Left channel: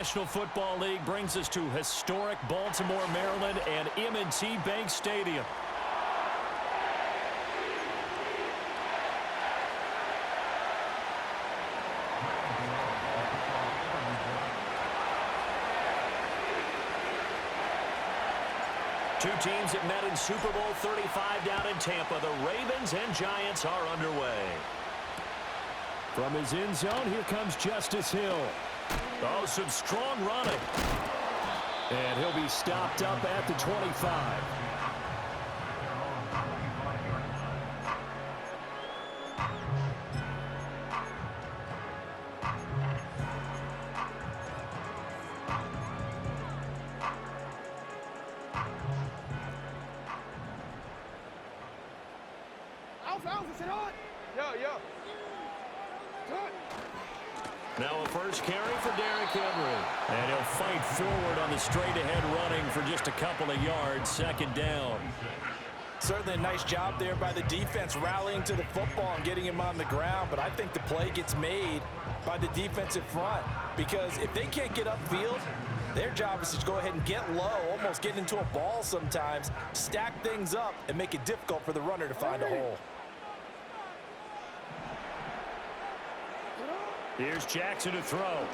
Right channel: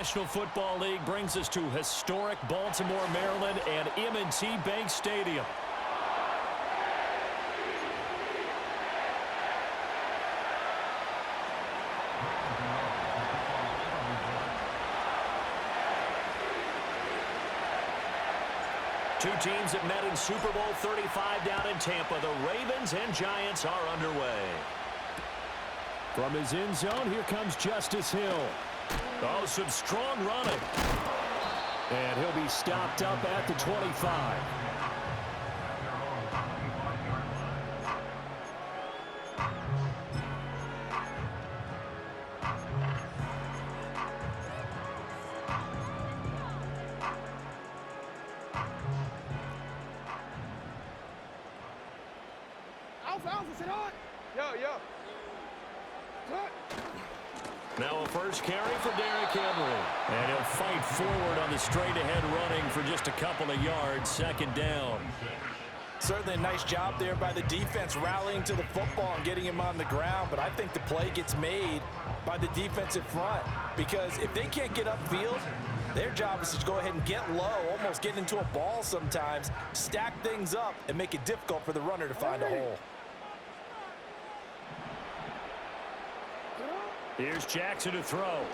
National Football League brings us to historic Baltimore, Maryland, and M&T Bank Stadium. Two teams that met in Super Bowl 35 down in Tampa. The Ravens and Giants are underway. From his end zone, here comes Justice Hill. Oh, some strong running. And he'll be stopped up at the 25. Now a first carry for Derrick Henry. And he'll fight forward on the straight-ahead running for just a couple of yards, second down. Certainly a nice job there by the defense rallying to the football and getting him on the ground. But I think the play gets made by the defensive front. Because if they can't get upfield, their job is to go ahead and get low, almost get into a ball sometimes, stack things up, and make it difficult for the runner to find a hole. Here's Jackson to throw.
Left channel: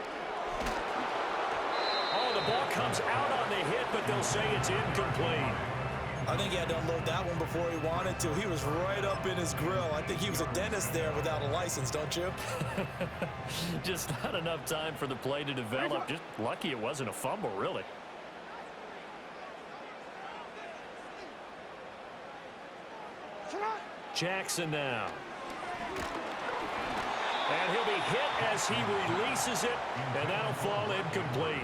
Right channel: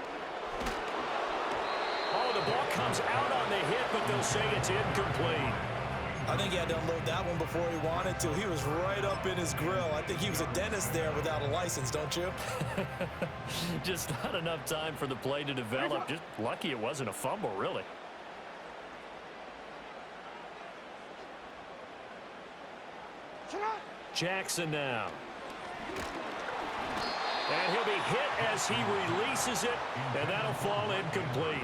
Oh, the ball comes out on the hit, but they'll say it's incomplete. I think he had to unload that one before he wanted to. He was right up in his grill. I think he was a dentist there without a license, don't you? Just not enough time for the play to develop. Just lucky it wasn't a fumble, really. Jackson now. And he'll be hit as he releases it, and that'll fall incomplete.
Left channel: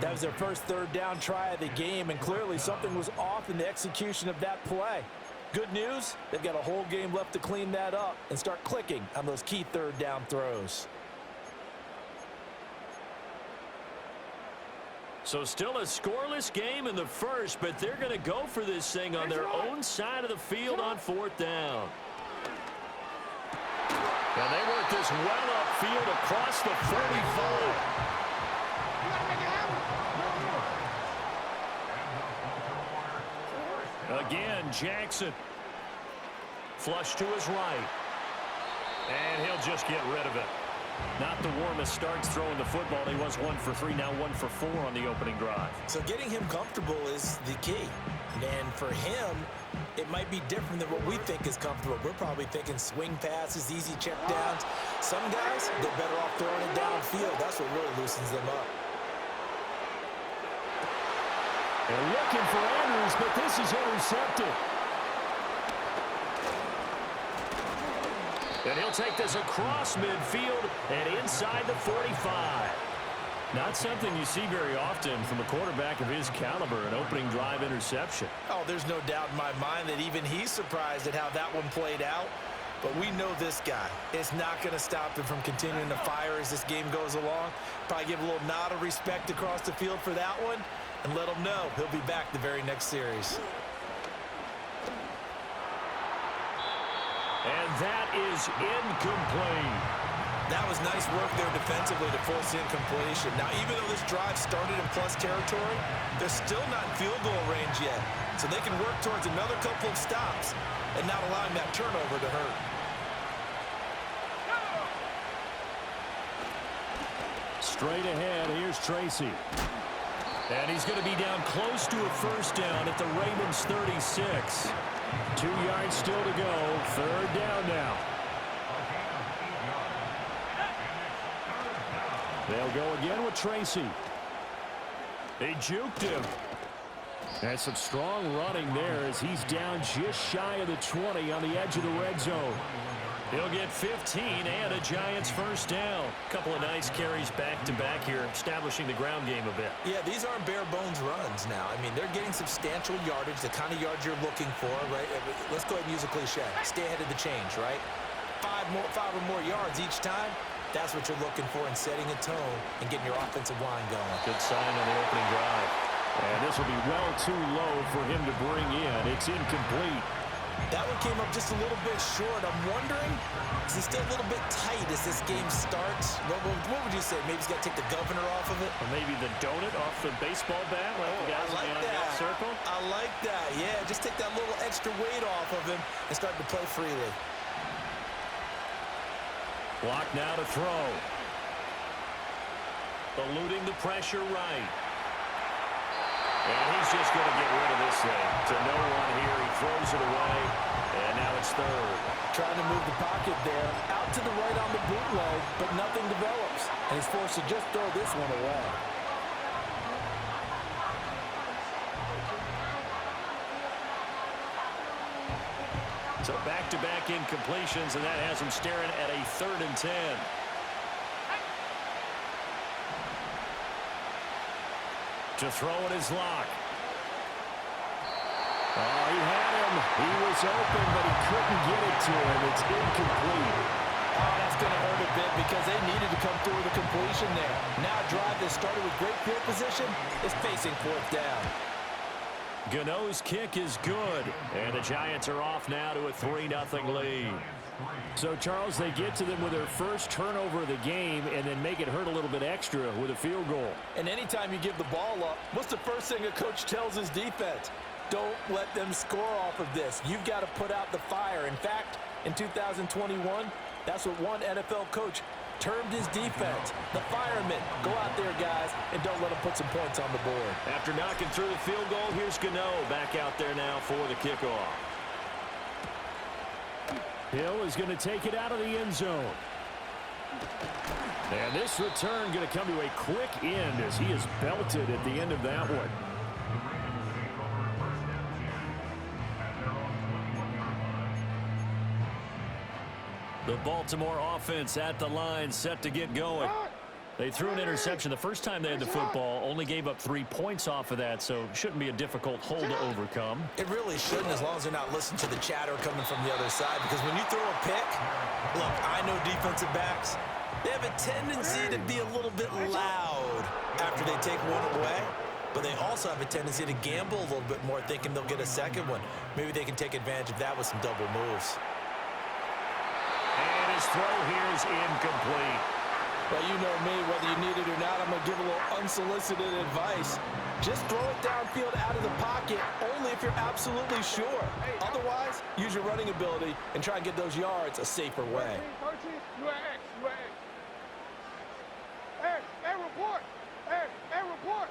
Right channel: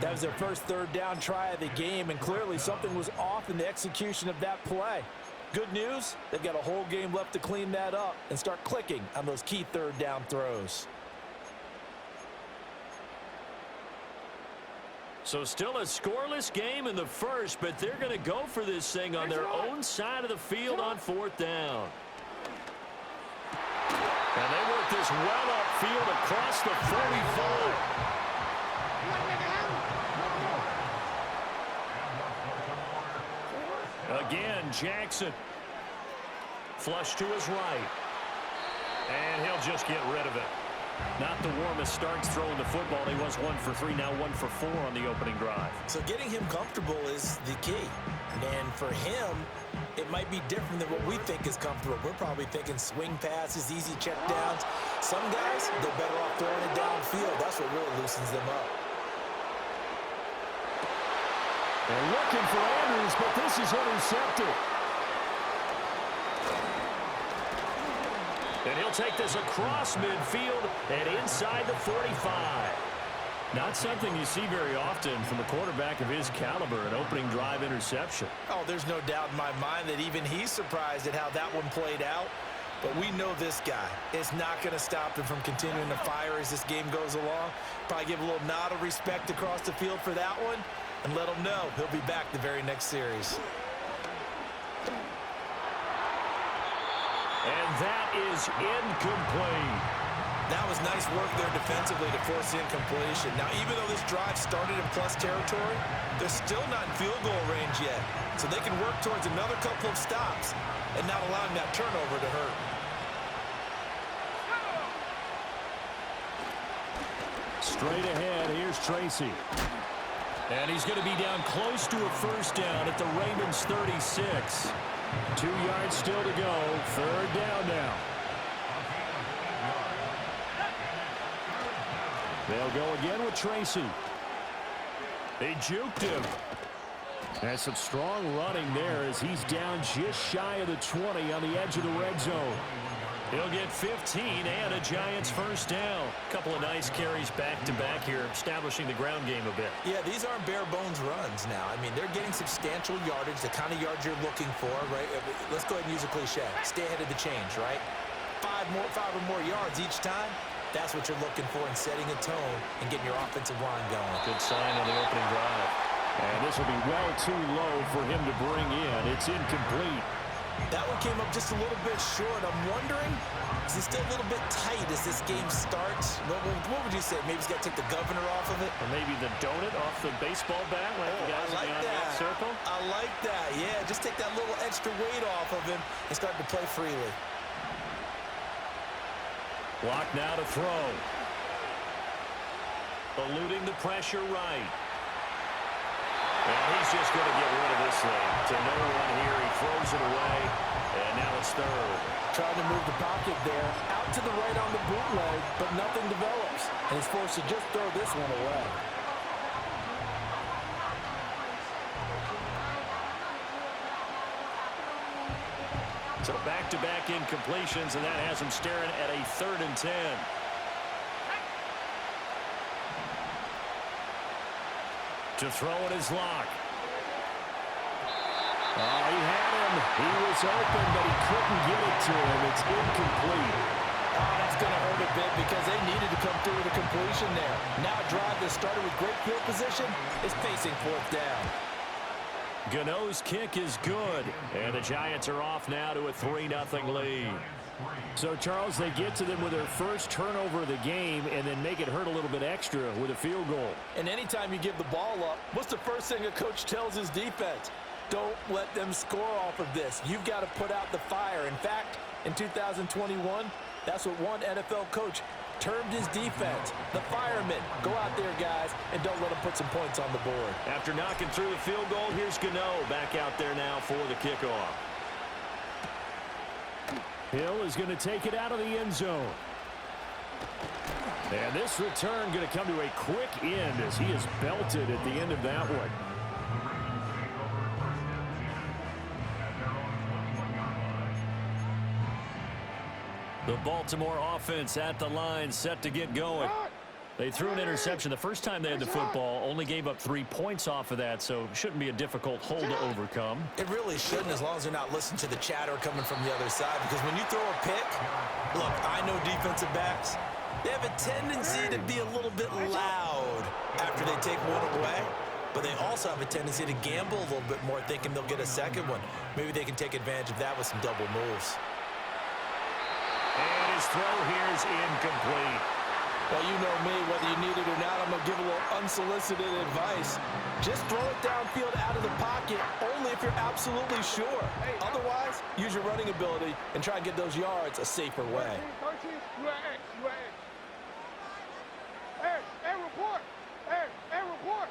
That was their first third down try of the game, and clearly something was off in the execution of that play. Good news, they've got a whole game left to clean that up and start clicking on those key third down throws. So still a scoreless game in the first, but they're going to go for this thing on their own side of the field on fourth down. And they work this well upfield across the 45. Again, Jackson. Flush to his right. And he'll just get rid of it. Not the warmest starts throwing the football. He was 1 for 3, now 1 for 4 on the opening drive. So getting him comfortable is the key. And for him, it might be different than what we think is comfortable. We're probably thinking swing passes, easy check downs. Some guys, they're better off throwing it downfield. That's what really loosens them up. They're looking for Andrews, but this is intercepted. And he'll take this across midfield and inside the 45. Not something you see very often from a quarterback of his caliber, an opening drive interception. Oh, there's no doubt in my mind that even he's surprised at how that one played out. But we know this guy is not going to stop him from continuing to fire as this game goes along. Probably give a little nod of respect across the field for that one and let him know he'll be back the very next series. And that is incomplete. That was nice work there defensively to force incompletion. Now, even though this drive started in plus territory, they're still not in field goal range yet. So they can work towards another couple of stops and not allowing that turnover to hurt. Straight ahead, here's Tracy. And he's going to be down close to a first down at the Ravens 36. 2 yards still to go. Third down now. They'll go again with Tracy. They juked him. And some strong running there as he's down just shy of the 20 on the edge of the red zone. He'll get 15 and a Giants first down. Couple of nice carries back-to-back here, establishing the ground game a bit. Yeah, these aren't bare-bones runs now. I mean, they're getting substantial yardage, the kind of yards you're looking for, right? Let's go ahead and use a cliche. Stay ahead of the change, right? 5 or more yards each time. That's what you're looking for in setting a tone and getting your offensive line going. Good sign on the opening drive. And this will be well too low for him to bring in. It's incomplete. That one came up just a little bit short. I'm wondering, is he still a little bit tight as this game starts? What would you say? Maybe he's got to take the governor off of it? Or maybe the donut off the baseball bat like the guys in the on-deck circle? I like that. Yeah, just take that little extra weight off of him and start to play freely. Block now to throw. Eluding the pressure right. And he's just going to get rid of this thing. To no one here. He throws it away. And now it's third. Trying to move the pocket there. Out to the right on the bootleg, but nothing develops. And he's forced to just throw this one away. So back-to-back incompletions, and that has him staring at a 3rd and 10. To throw in his lock. Oh, he had him. He was open, but he couldn't get it to him. It's incomplete. Oh, that's going to hurt a bit because they needed to come through with a completion there. Now a drive that started with great field position is facing 4th down. Gano's kick is good, and the Giants are off now to a 3-0 lead. So, Charles, they get to them with their first turnover of the game and then make it hurt a little bit extra with a field goal. And anytime you give the ball up, what's the first thing a coach tells his defense? Don't let them score off of this. You've got to put out the fire. In fact, in 2021, that's what one NFL coach termed his defense. The firemen. Go out there, guys, and don't let them put some points on the board. After knocking through the field goal, here's Gano back out there now for the kickoff. Hill is going to take it out of the end zone. And this return going to come to a quick end as he is belted at the end of that one. The Baltimore offense at the line, set to get going. They threw an interception the first time they had the football, only gave up 3 points off of that, so shouldn't be a difficult hold to overcome. It really shouldn't, as long as they're not listening to the chatter coming from the other side, because when you throw a pick, look, I know defensive backs, they have a tendency to be a little bit loud after they take one away, but they also have a tendency to gamble a little bit more, thinking they'll get a second one. Maybe they can take advantage of that with some double moves. And his throw here is incomplete. Well, you know me, whether you need it or not, I'm going to give a little unsolicited advice. Just throw it downfield out of the pocket, only if you're absolutely sure. Otherwise, use your running ability and try and get those yards a safer way. 13, you are X, you are X. Hey, report. Hey, report.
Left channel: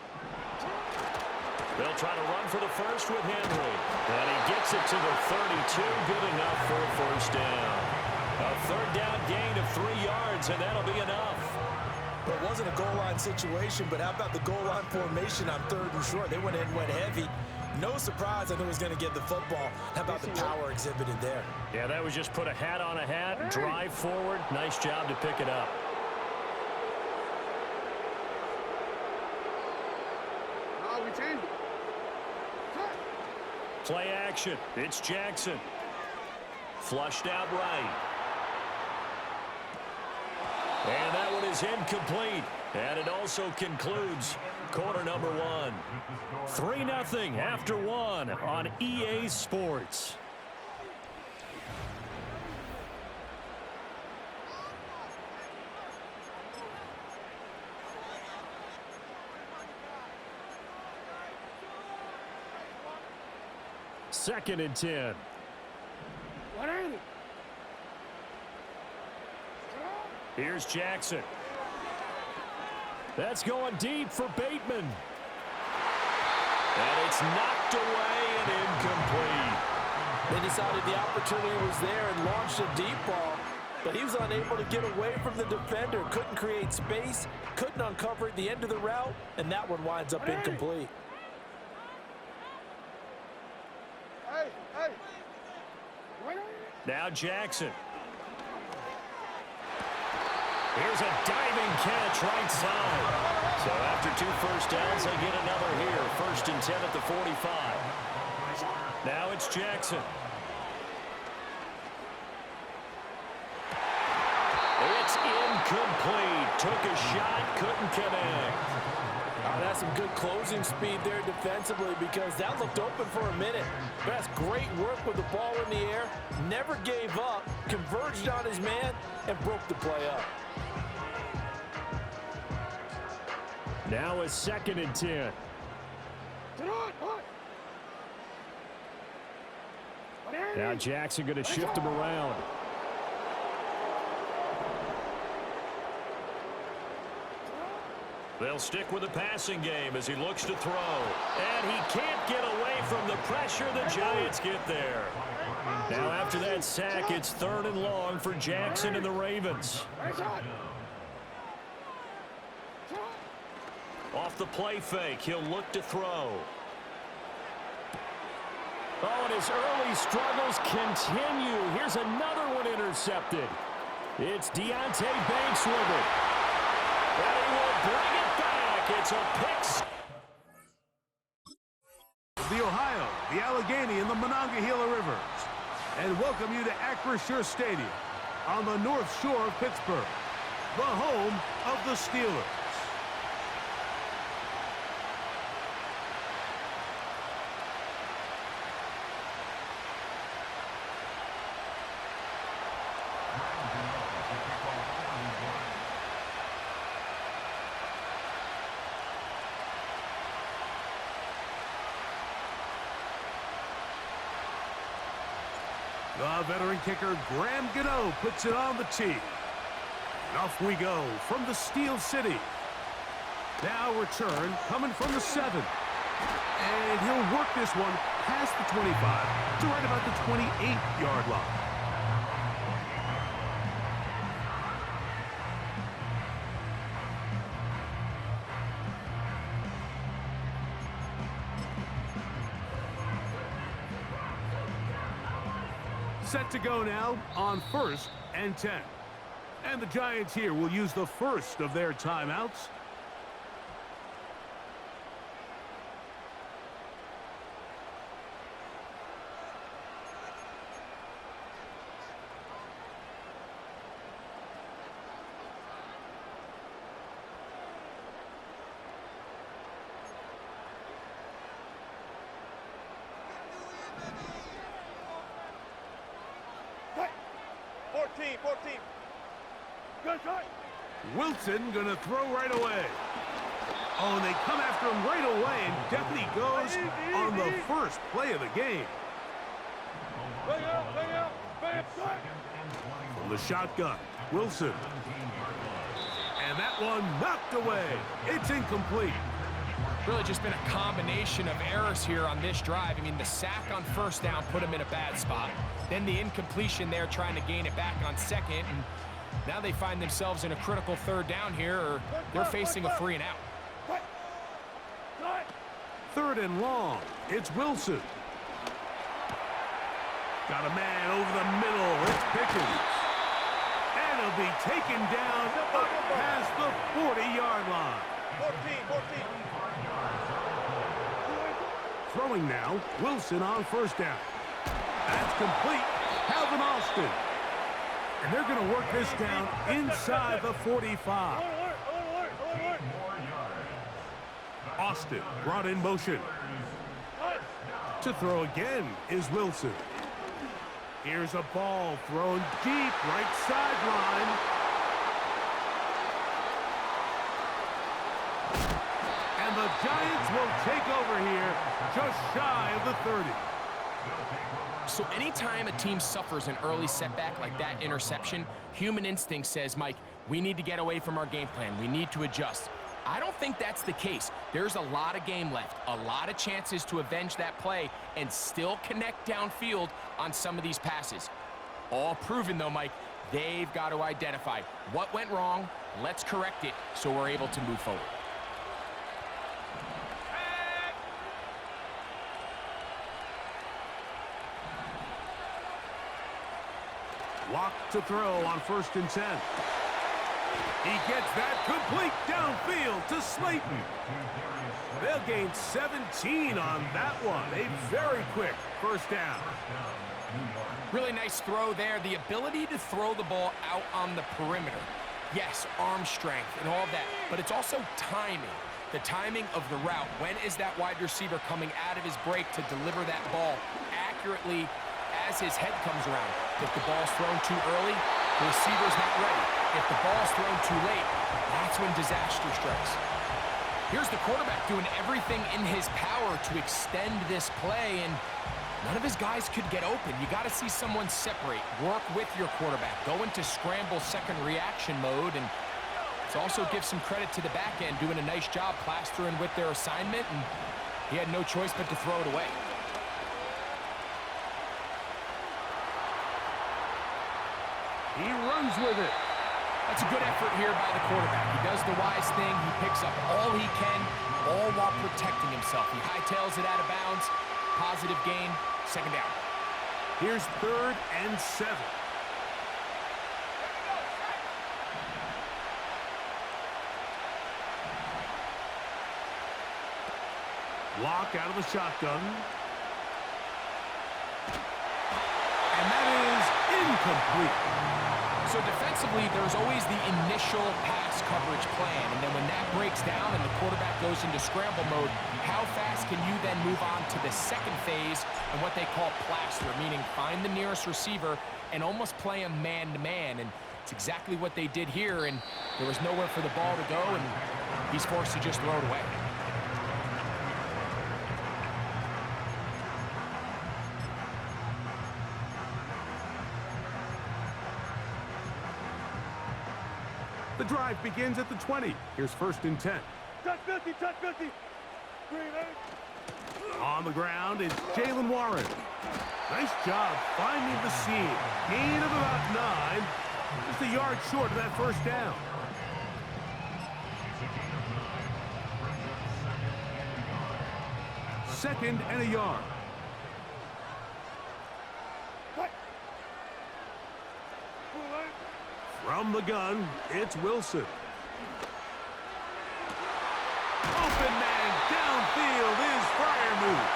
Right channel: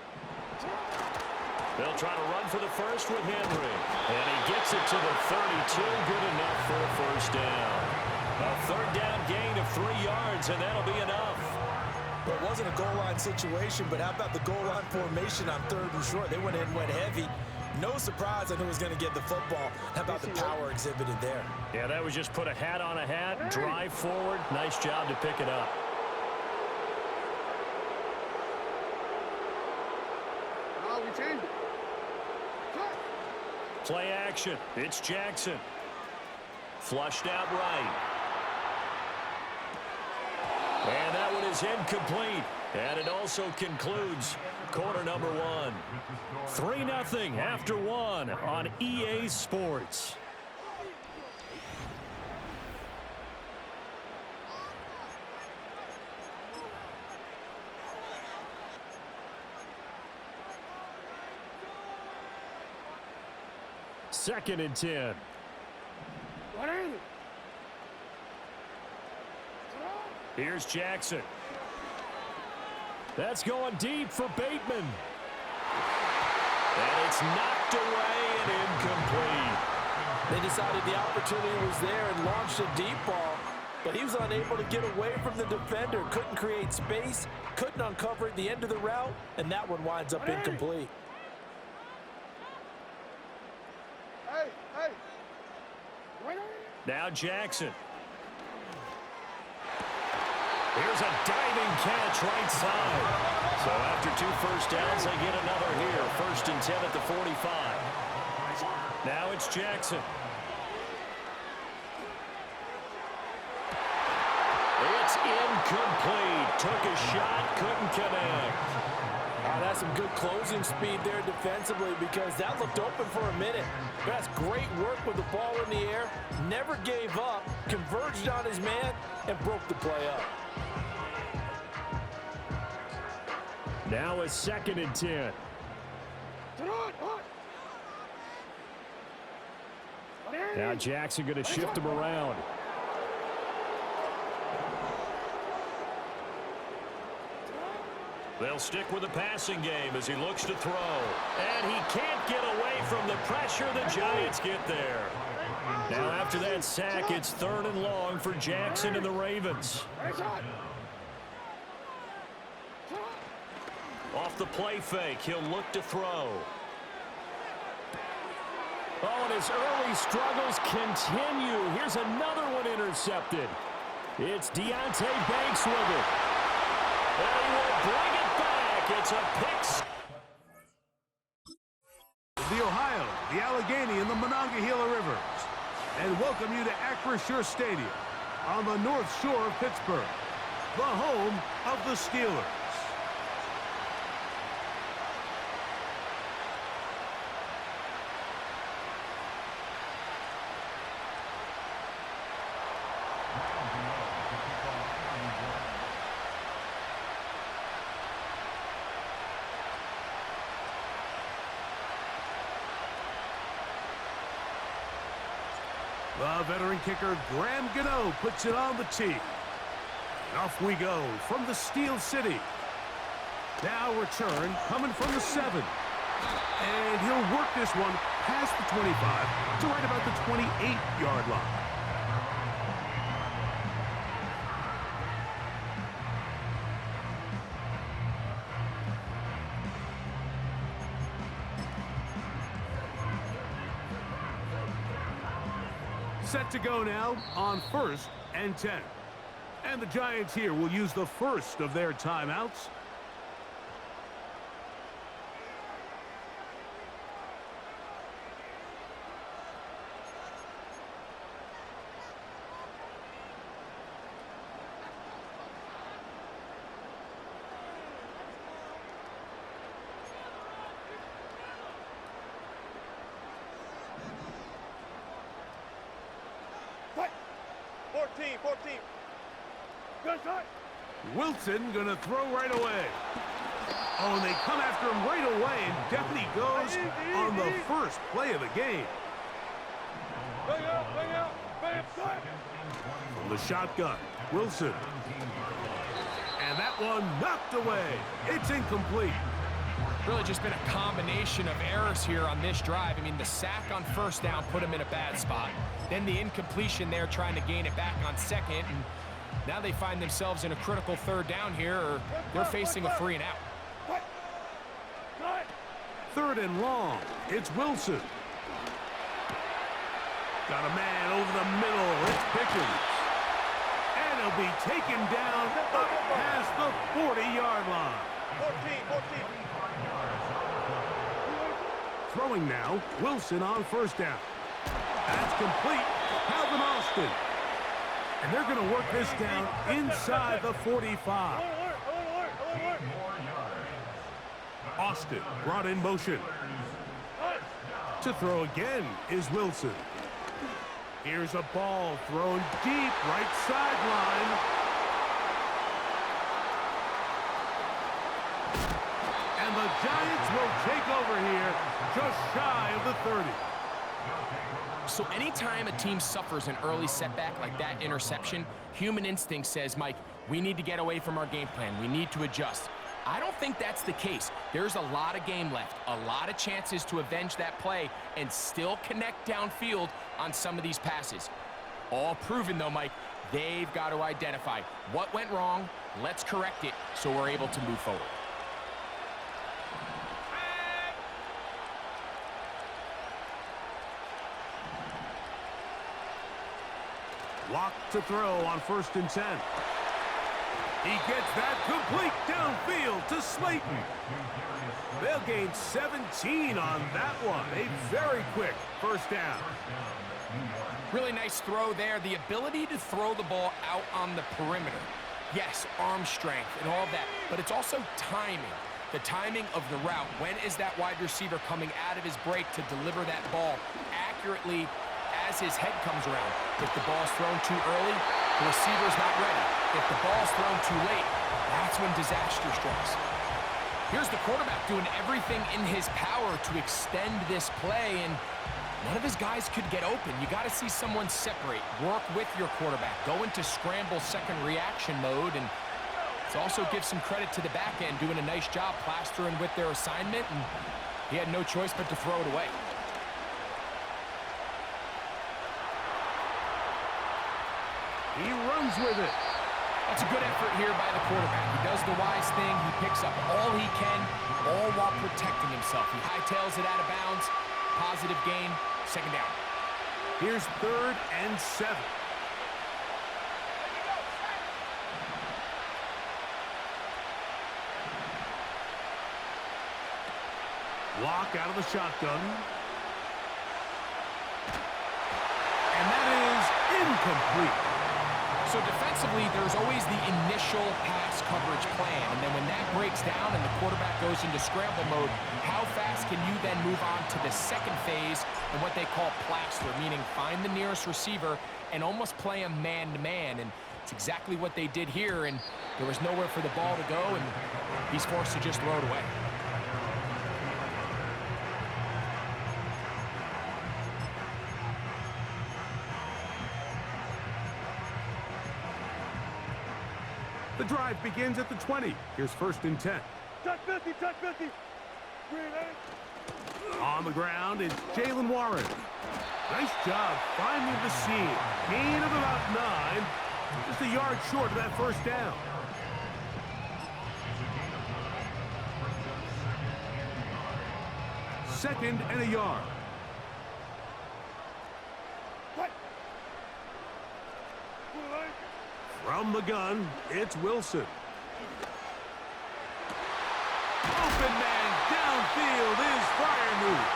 They'll try to run for the first with Henry. And he gets it to the 32, good enough for a first down. A 3rd down gain of 3 yards, and that'll be enough. Well, it wasn't a goal line situation, but how about the goal line formation on 3rd and short? They went in, went heavy. No surprise on who was going to get the football. How about the power exhibited there? Yeah, that was just put a hat on a hat, drive forward. Nice job to pick it up. No, we changed it. Play action. It's Jackson. Flushed out right. And that one is incomplete. And it also concludes quarter number 1. 3-0 after 1 on EA Sports. Second and 10. What ain't it? Here's Jackson. That's going deep for Bateman. And it's knocked away and incomplete. They decided the opportunity was there and launched a deep ball, but he was unable to get away from the defender, couldn't create space, couldn't uncover at the end of the route, and that one winds up incomplete. Hey. Now Jackson. Here's a diving catch right side. So after 2 first downs, they get another here. 1st and 10 at the 45. Now it's Jackson. It's incomplete. Took a shot, couldn't connect. Oh, That's some good closing speed there defensively because that looked open for a minute. But that's great work with the ball in the air. Never gave up, converged on his man, and broke the play up. Now a 2nd and 10. Now Jackson going to shift him around. They'll stick with the passing game as he looks to throw. And he can't get away from the pressure. The Giants get there. Now after that sack, it's 3rd and long for Jackson and the Ravens. Off the play fake, he'll look to throw. Oh, and his early struggles continue. Here's another one intercepted. It's Deonte Banks with it. And he will bring it back. It's a pick. The Ohio, the Allegheny, and the Monongahela Rivers. And welcome you to Acrisure Stadium on the North Shore of Pittsburgh, the home of the Steelers. The veteran kicker, Graham Gano, puts it on the tee. And off we go from the Steel City. Now return coming from the 7. And he'll work this one past the 25 to right about the 28-yard line. Set to go now on 1st and 10. And the Giants here will use the first of their timeouts. Wilson gonna throw right away. Oh, and they come after him right away, and down he goes on the first play of the game. From the shotgun, Wilson. And that one knocked away. It's incomplete. Really just been a combination of errors here on this drive. I mean, the sack on 1st down put him in a bad spot. Then the incompletion there trying to gain it back on 2nd. And now they find themselves in a critical 3rd down here, or they're facing a 3 and out. 3rd and long. It's Wilson. Got a man over the middle. It's Pickens. And he'll be taken down up past the 40-yard line. 14. Throwing now, Wilson on 1st down. That's complete. Calvin Austin. And they're going to work this down inside the 45. Austin brought in motion. To throw again is Wilson. Here's a ball thrown deep right sideline. And the Giants will take over here just shy of the 30. So anytime a team suffers an early setback like that interception, human instinct says, Mike, we need to get away from our game plan. We need to adjust. I don't think that's the case. There's a lot of game left, a lot of chances to avenge that play and still connect downfield on some of these passes. All proven, though, Mike, they've got to identify what went wrong, let's correct it so we're able to move forward. Walk to throw on 1st and 10. He gets that complete downfield to Slayton. They'll gain 17 on that one. A very quick 1st down. Really nice throw there. The ability to throw the ball out on the perimeter. Yes, arm strength and all that, but it's also timing. The timing of the route. When is that wide receiver coming out of his break to deliver that ball accurately as his head comes around? If the ball's thrown too early, the receiver's not ready. If the ball's thrown too late, that's when disaster strikes. Here's the quarterback doing everything in his power to extend this play, and none of his guys could get open. You got to see someone separate, work with your quarterback, go into scramble second reaction mode, and to also give some credit to the back end, doing a nice job plastering with their assignment, and he had no choice but to throw it away. He runs with it. That's a good effort here by the quarterback. He does the wise thing. He picks up all he can, all while protecting himself. He hightails it out of bounds. Positive gain. Second down. Here's 3rd and 7. Block out of the shotgun. And that is incomplete. So defensively, there's always the initial pass coverage plan, and then when that breaks down and the quarterback goes into scramble mode, how fast can you then move on to the second phase and what they call plaster, meaning find the nearest receiver and almost play him man-to-man, and it's exactly what they did here, and there was nowhere for the ball to go, and he's forced to just throw it away. The drive begins at the 20. Here's 1st and 10. Touch 50, touch 50. Green egg. On the ground is Jalen Warren. Nice job finding the seam. Gain of about 9. Just a yard short of that first down. Second and a yard. Cut. Full length. From the gun, it's Wilson. Open man downfield is Fryermuth.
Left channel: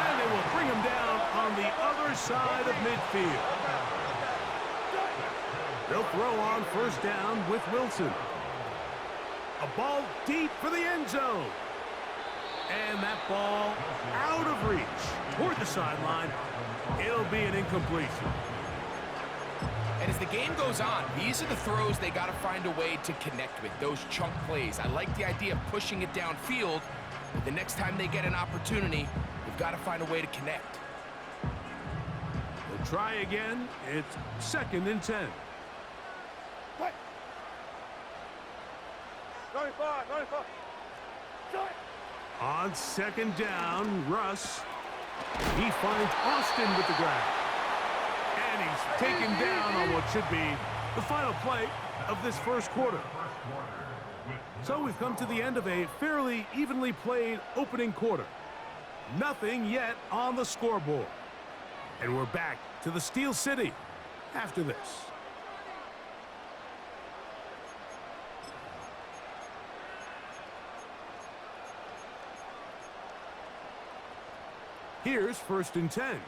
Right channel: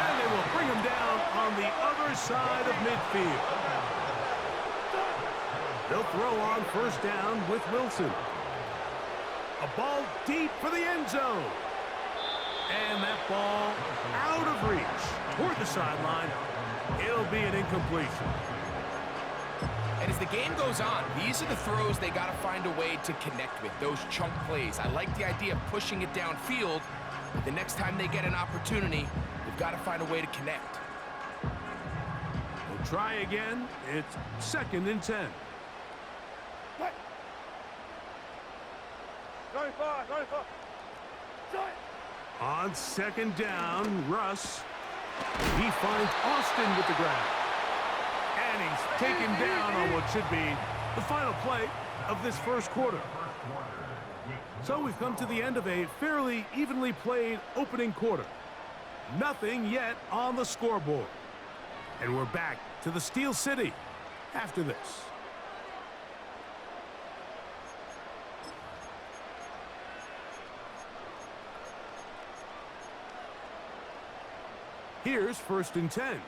And they will bring him down on the other side of midfield. They'll throw on 1st down with Wilson. A ball deep for the end zone. And that ball out of reach toward the sideline. It'll be an incompletion. And as the game goes on, these are the throws they got to find a way to connect with, those chunk plays. I like the idea of pushing it downfield, but the next time they get an opportunity, they've got to find a way to connect. We'll try again. It's 2nd and 10. Cut. 95, 95. Shot. On 2nd down, Russ. He finds Austin with the grab. And he's taken down on what should be the final play of this first quarter. So we've come to the end of a fairly evenly played opening quarter. Nothing yet on the scoreboard. And we're back to the Steel City after this. Here's 1st and 10.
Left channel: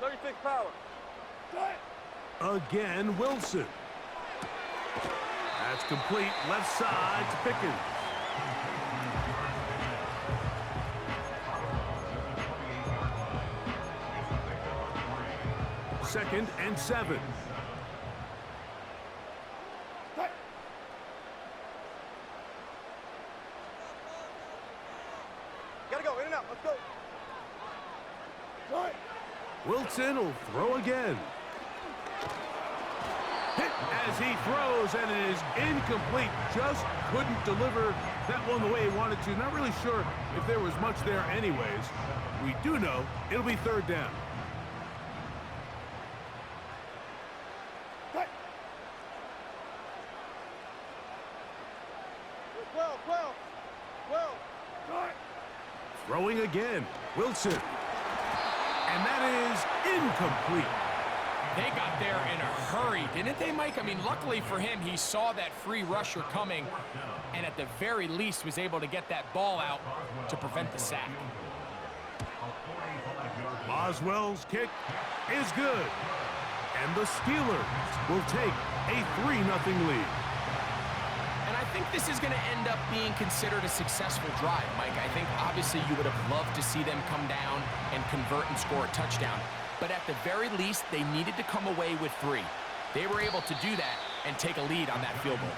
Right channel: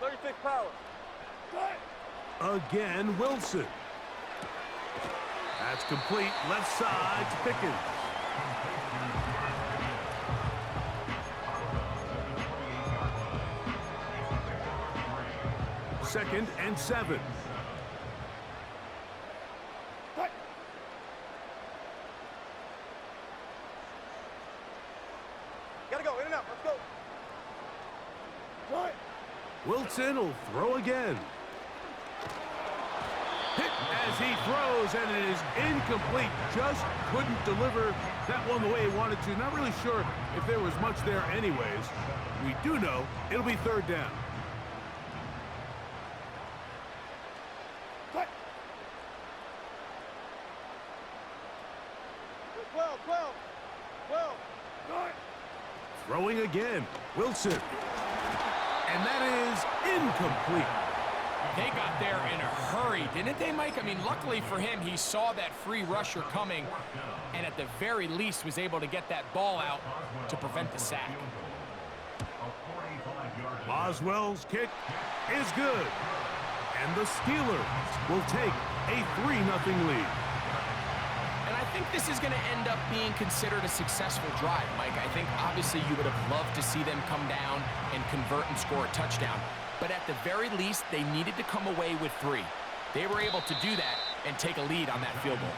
36 power. Cut. Again, Wilson. That's complete. Left side to Pickens. Second and 7. Cut. Gotta go, in and out, let's go. Cut. Wilson will throw again. Hit as he throws, and it is incomplete. Just couldn't deliver that one the way he wanted to. Not really sure if there was much there anyways. We do know it'll be 3rd down. Cut. 12, 12, 12. Cut. Throwing again. Wilson. And that is incomplete. They got there in a hurry, didn't they, Mike? I mean, luckily for him, he saw that free rusher coming and at the very least was able to get that ball out to prevent the sack. Boswell's kick is good. And the Steelers will take a 3-0 lead. And I I think this is going to end up being considered a successful drive, Mike. I think obviously you would have loved to see them come down and convert and score a touchdown. But at the very least, they needed to come away with 3. They were able to do that and take a lead on that field goal.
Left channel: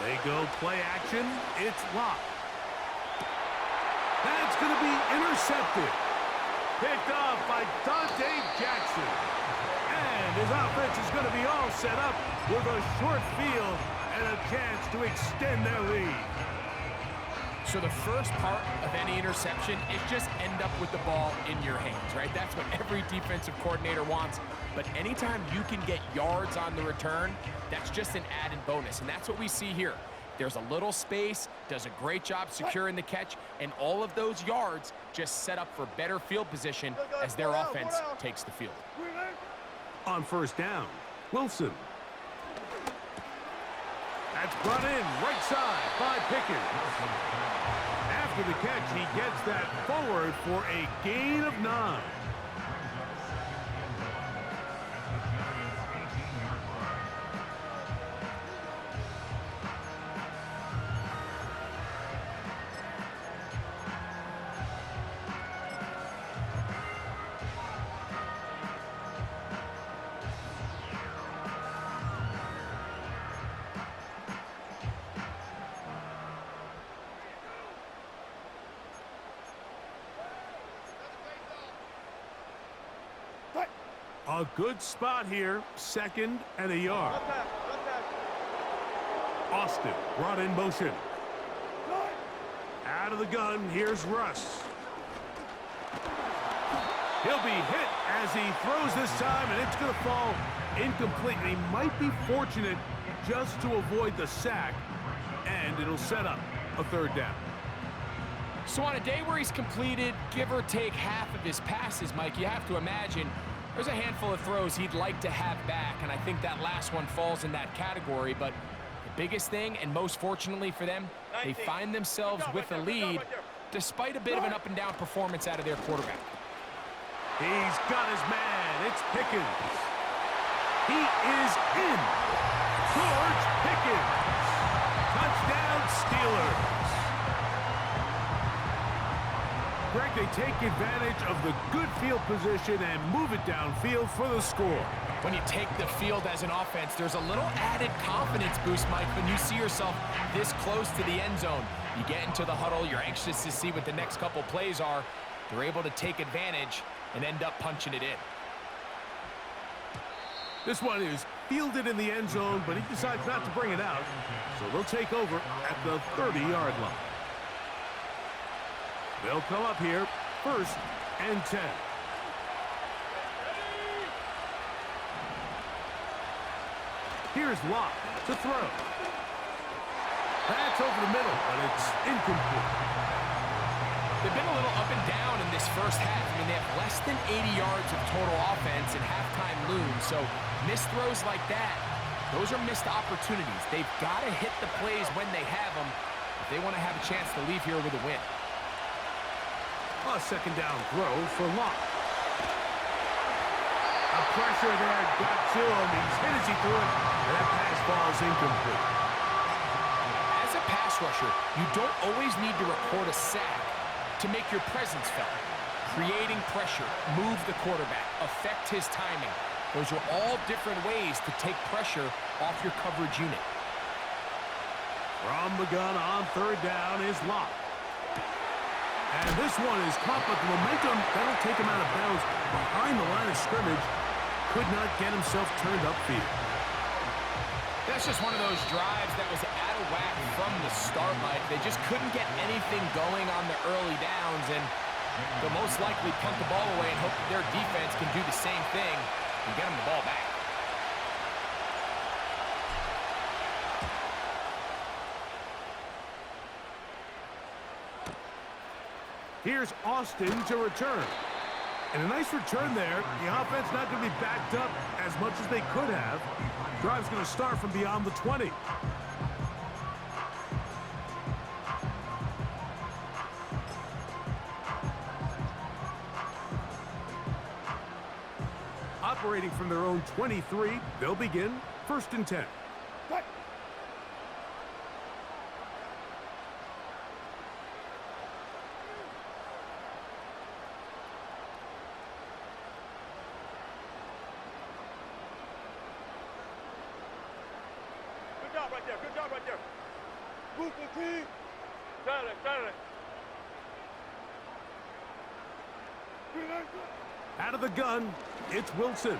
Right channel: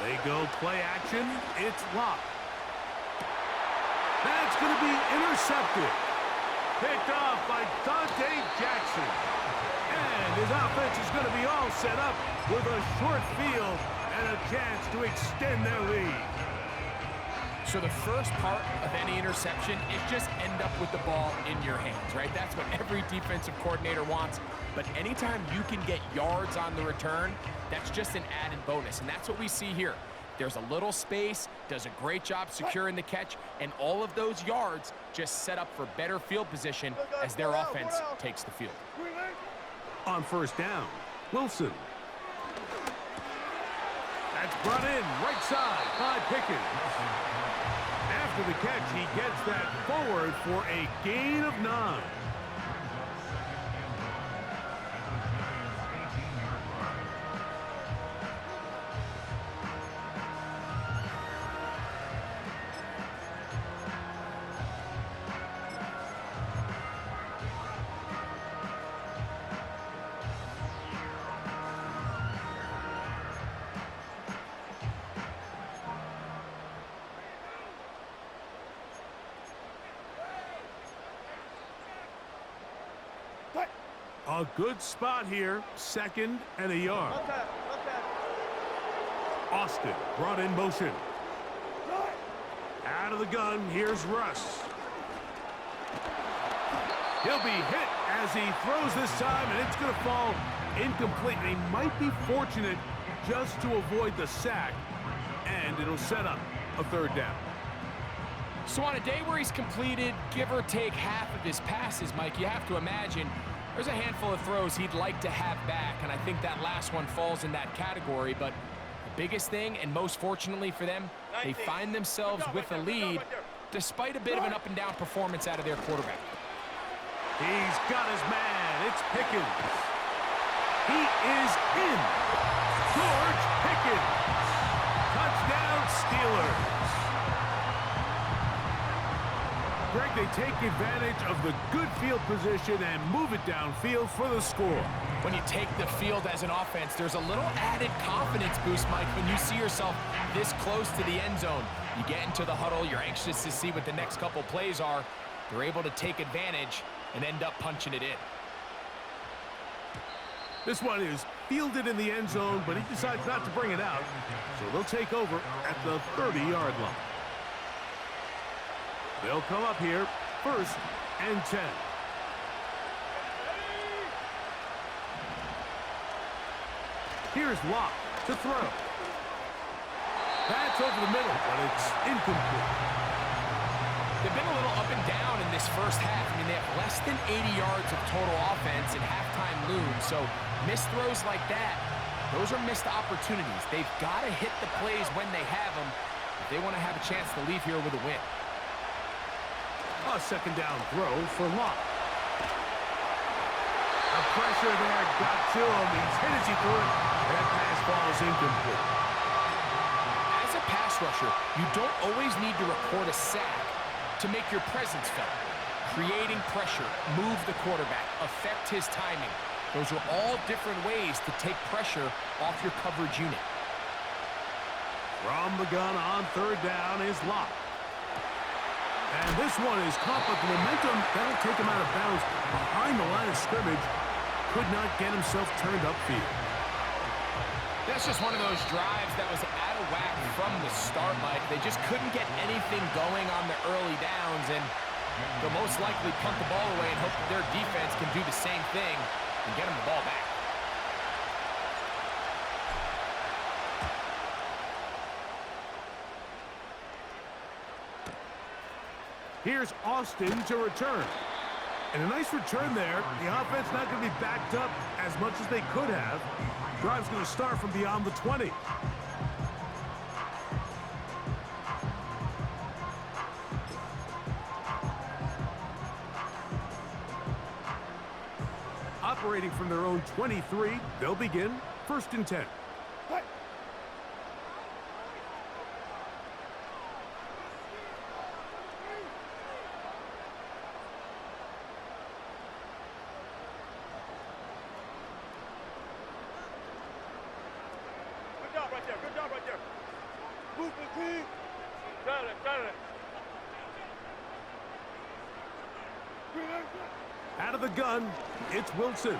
They go play action. It's locked. That's going to be intercepted. Picked off by Dante Jackson. And his offense is going to be all set up with a short field and a chance to extend their lead. So the first part of any interception is just end up with the ball in your hands, right? That's what every defensive coordinator wants. But anytime you can get yards on the return, that's just an added bonus. And that's what we see here. There's a little space, does a great job securing the catch, and all of those yards just set up for better field position as their offense takes the field. On first down, Wilson. That's brought in right side by Pickens. After the catch, he gets that forward for a gain of 9. A good spot here, 2nd and a yard. Left half. Austin brought in motion. Out of the gun, here's Russ. He'll be hit as he throws this time, and it's going to fall incomplete. And he might be fortunate just to avoid the sack, and it'll set up a 3rd down. So on a day where he's completed, give or take half of his passes, Mike, you have to imagine there's a handful of throws he'd like to have back, and I think that last one falls in that category. But the biggest thing, and most fortunately for them, they find themselves with a lead despite a bit of an up-and-down performance out of their quarterback. He's got his man. It's Pickens. He is in. George Pickens. Touchdown, Steelers. Greg, they take advantage of the good field position and move it downfield for the score. When you take the field as an offense, there's a little added confidence boost, Mike, when you see yourself this close to the end zone. You get into the huddle, you're anxious to see what the next couple plays are. They're able to take advantage and end up punching it in. This one is fielded in the end zone, but he decides not to bring it out, so they'll take over at the 30-yard line. They'll come up here, 1st and 10. Here's Locke to throw. That's over the middle, but it's incomplete. They've been a little up and down in this first half. I mean, they have less than 80 yards of total offense and halftime looms, so missed throws like that, those are missed opportunities. They've got to hit the plays when they have them if they want to have a chance to leave here with a win. A 2nd down throw for Locke. The pressure there got to him. He's hit as he threw it, and that pass falls incomplete. As a pass rusher, you don't always need to record a sack to make your presence felt. Creating pressure, move the quarterback, affect his timing. Those are all different ways to take pressure off your coverage unit. From the gun on 3rd down is Locke. And this one is caught, but the momentum, that'll take him out of bounds behind the line of scrimmage. Could not get himself turned upfield. That's just one of those drives that was out of whack from the start, Mike. They just couldn't get anything going on the early downs, and they'll most likely punt the ball away and hope that their defense can do the same thing and get them the ball back. Here's Austin to return. And a nice return there. The offense not going to be backed up as much as they could have. Drive's going to start from beyond the 20. Operating from their own 23, they'll begin 1st and 10. Good job right there. Good job right there. Move the team. Got it. Out of the gun, it's Wilson.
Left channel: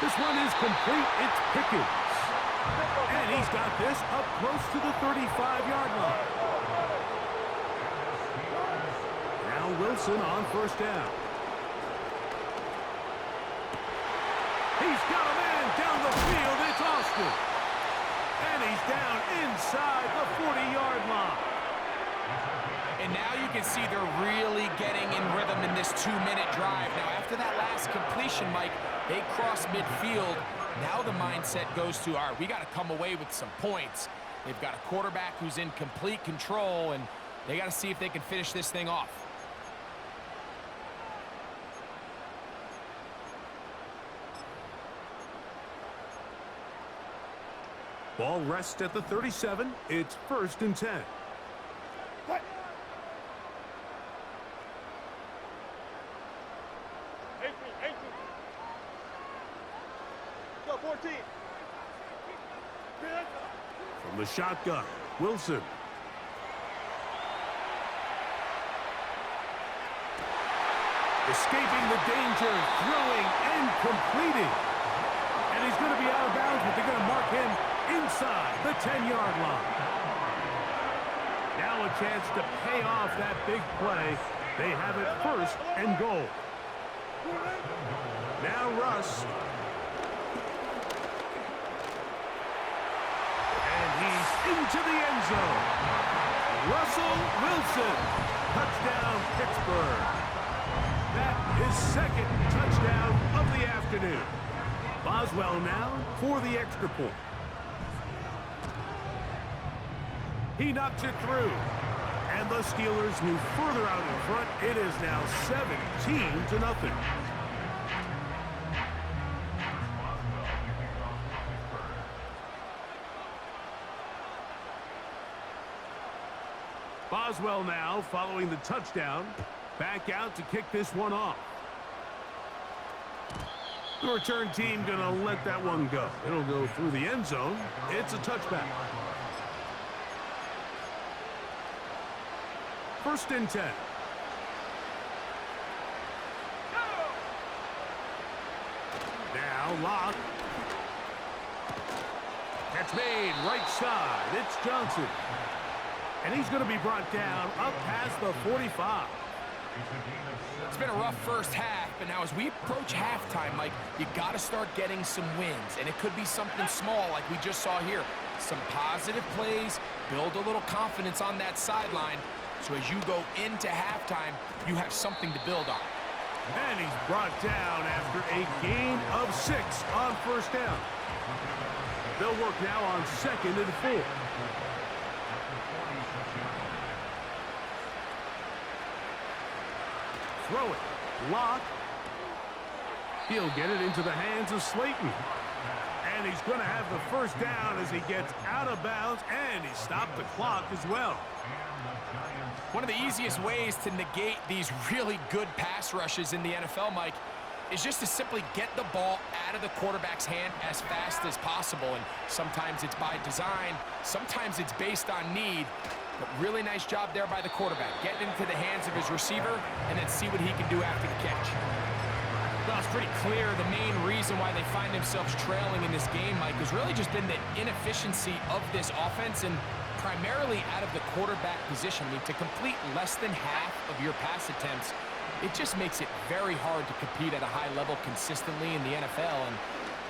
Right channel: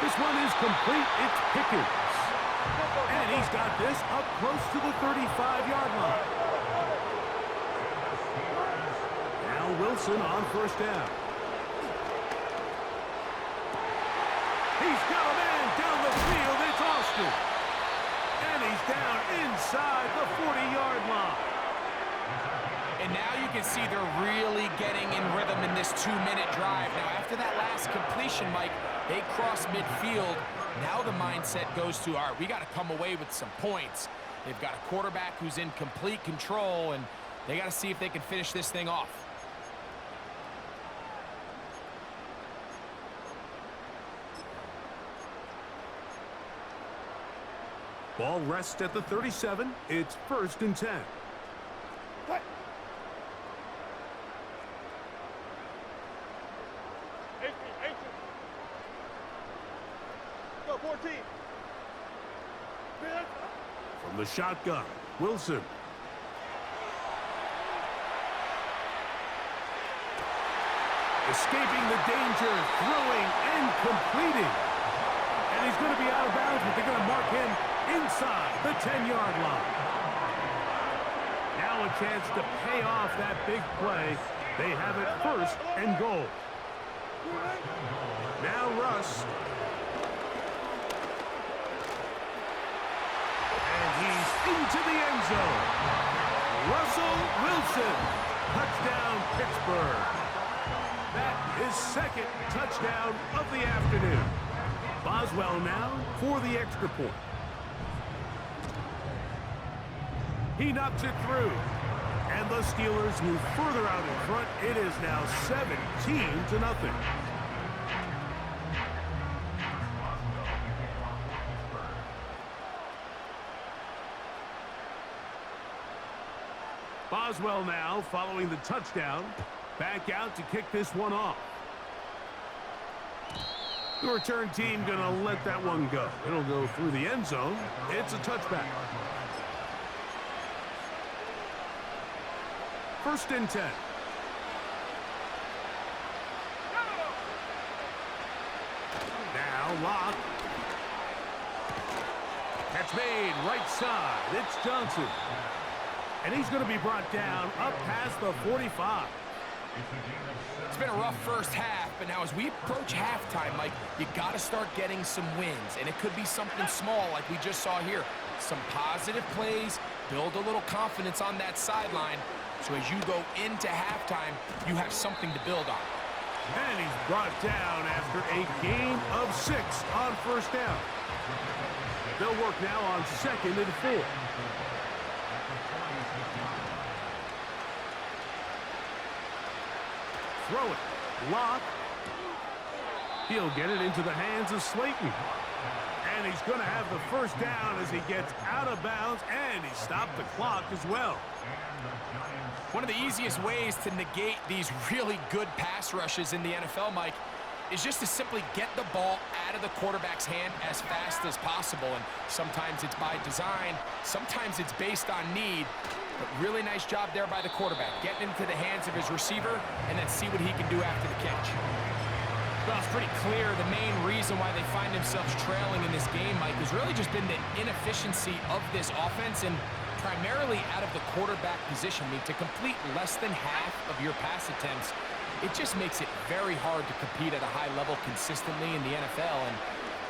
This one is complete. It's Pickens. And he's got this up close to the 35-yard line. Now Wilson on 1st down. He's got a man down the field. It's Austin. And he's down inside the 40-yard line. And now you can see they're really getting in rhythm in this 2-minute drive. Now, after that last completion, Mike, they cross midfield. Now the mindset goes to, all right, we got to come away with some points. They've got a quarterback who's in complete control, and they got to see if they can finish this thing off. Ball rests at the 37. It's 1st and 10. Go, 14. From the shotgun, Wilson. Escaping the danger, throwing and completing. And he's going to be out of bounds, but they're going to mark him inside the 10-yard line. Now a chance to pay off that big play. They have it 1st and goal. Now Russ. And he's into the end zone. Russell Wilson. Touchdown, Pittsburgh. That is 2nd touchdown of the afternoon. Boswell now for the extra point. He knocks it through. And the Steelers move further out in front. It is now 17-0. Boswell now following the touchdown. Back out to kick this one off. The return team going to let that one go. It'll go through the end zone. It's a touchback. 1st and 10. Now Locke. Catch made right side. It's Johnson. And he's going to be brought down up past the 45. It's been a rough first half, but now as we approach halftime, Mike, you got to start getting some wins. And it could be something small like we just saw here. Some positive plays, build a little confidence on that sideline. So as you go into halftime, you have something to build on. And he's brought down after a gain of 6 on 1st down. They'll work now on 2nd and 4. Throw it. Lock. He'll get it into the hands of Slayton. And he's going to have the 1st down as he gets out of bounds, and he stopped the clock as well. One of the easiest ways to negate these really good pass rushes in the NFL, Mike, is just to simply get the ball out of the quarterback's hand as fast as possible. And sometimes it's by design, sometimes it's based on need. But really nice job there by the quarterback, getting into the hands of his receiver and then see what he can do after the catch. Well, it's pretty clear the main reason why they find themselves trailing in this game, Mike, has really just been the inefficiency of this offense and primarily out of the quarterback position. I mean, to complete less than half of your pass attempts, it just makes it very hard to compete at a high level consistently in the NFL. And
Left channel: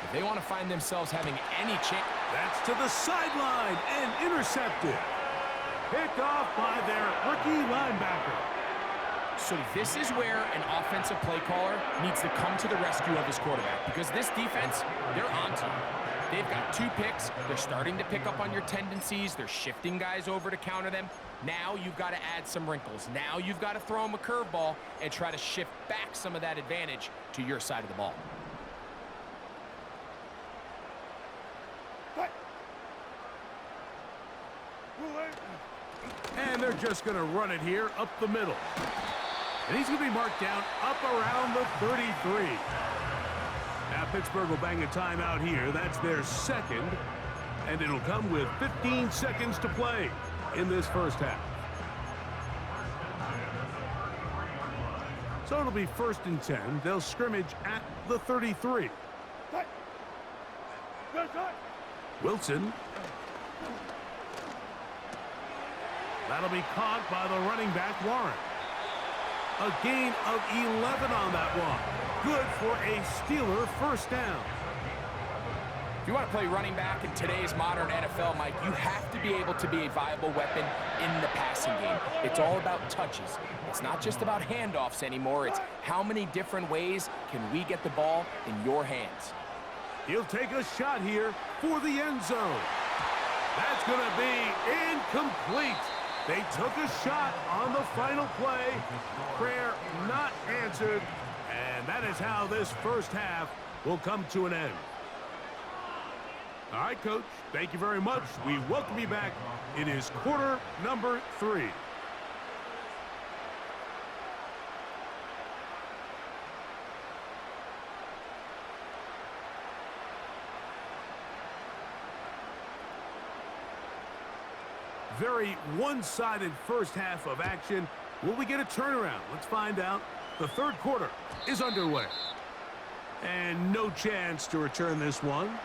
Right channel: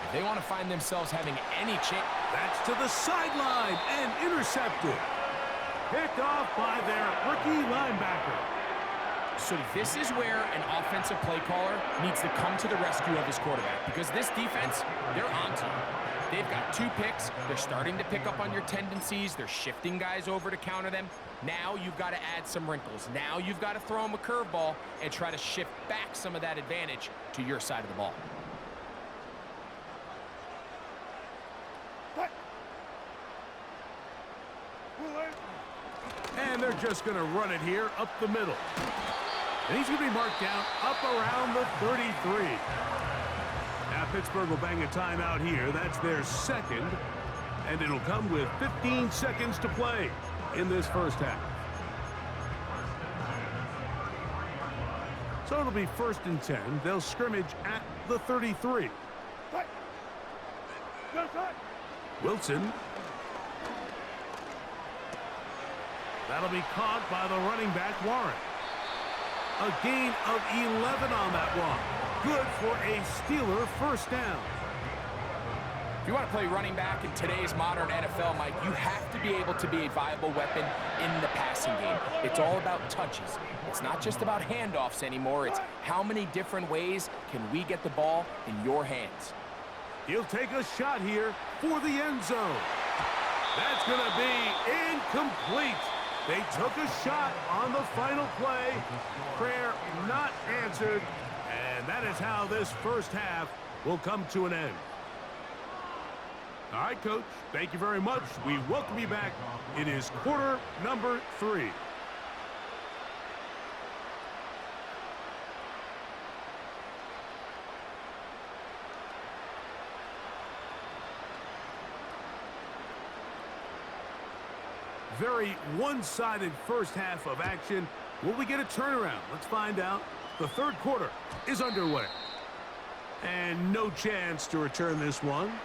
if they want to find themselves having any chance... That's to the sideline and intercepted. Picked off by their rookie linebacker. So this is where an offensive play caller needs to come to the rescue of his quarterback, because this defense, they're onto you. They've got 2 picks. They're starting to pick up on your tendencies. They're shifting guys over to counter them. Now you've got to add some wrinkles. Now you've got to throw them a curveball and try to shift back some of that advantage to your side of the ball. And they're just going to run it here up the middle. And he's going to be marked down up around the 33. Now Pittsburgh will bang a timeout here. That's their second. And it'll come with 15 seconds to play in this first half. So it'll be 1st and 10. They'll scrimmage at the 33. Wilson. That'll be caught by the running back, Warren. A gain of 11 on that one. Good for a Steeler first down. If you want to play running back in today's modern NFL, Mike, you have to be able to be a viable weapon in the passing game. It's all about touches. It's not just about handoffs anymore. It's how many different ways can we get the ball in your hands. He'll take a shot here for the end zone. That's going to be incomplete. They took a shot on the final play. Prayer not answered. And that is how this first half will come to an end. All right, Coach, thank you very much. We welcome you back. It is quarter number 3. Very one-sided first half of action. Will we get a turnaround? Let's find out. The third quarter is underway. And no chance to return this one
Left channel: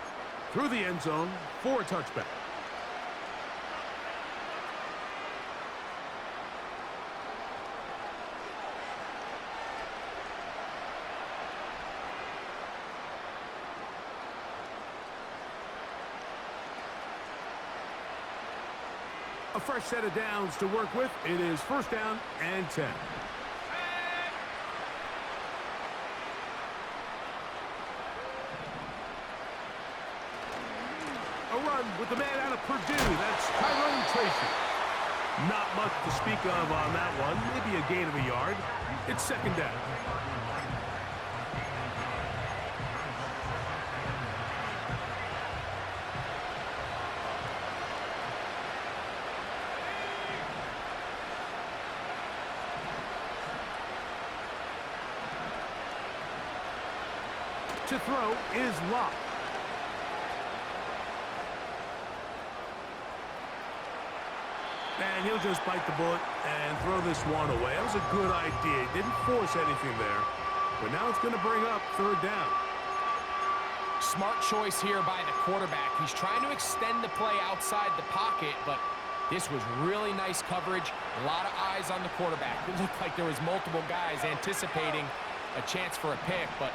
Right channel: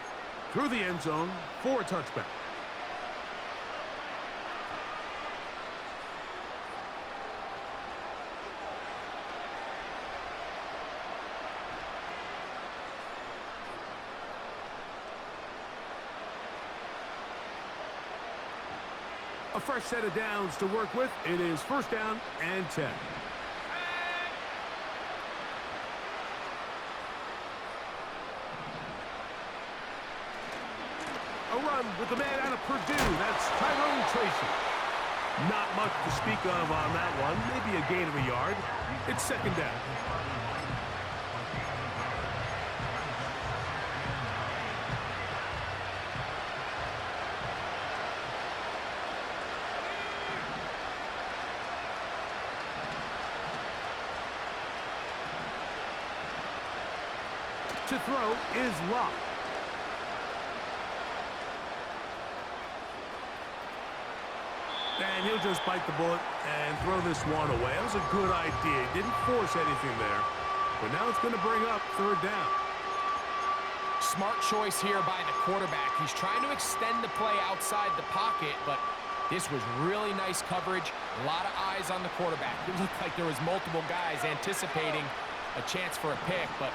through the end zone for a touchback. A fresh set of downs to work with. It is 1st down and 10. A run with the man out of Purdue. That's Tyrone Tracy. Not much to speak of on that one. Maybe a gain of a yard. It's 2nd down. To throw is Locke. And he'll just bite the bullet and throw this one away. That was a good idea. He didn't force anything there. But now it's going to bring up 3rd down. Smart choice here by the quarterback. He's trying to extend the play outside the pocket, but this was really nice coverage. A lot of eyes on the quarterback. It looked like there was multiple guys anticipating a chance for a pick, but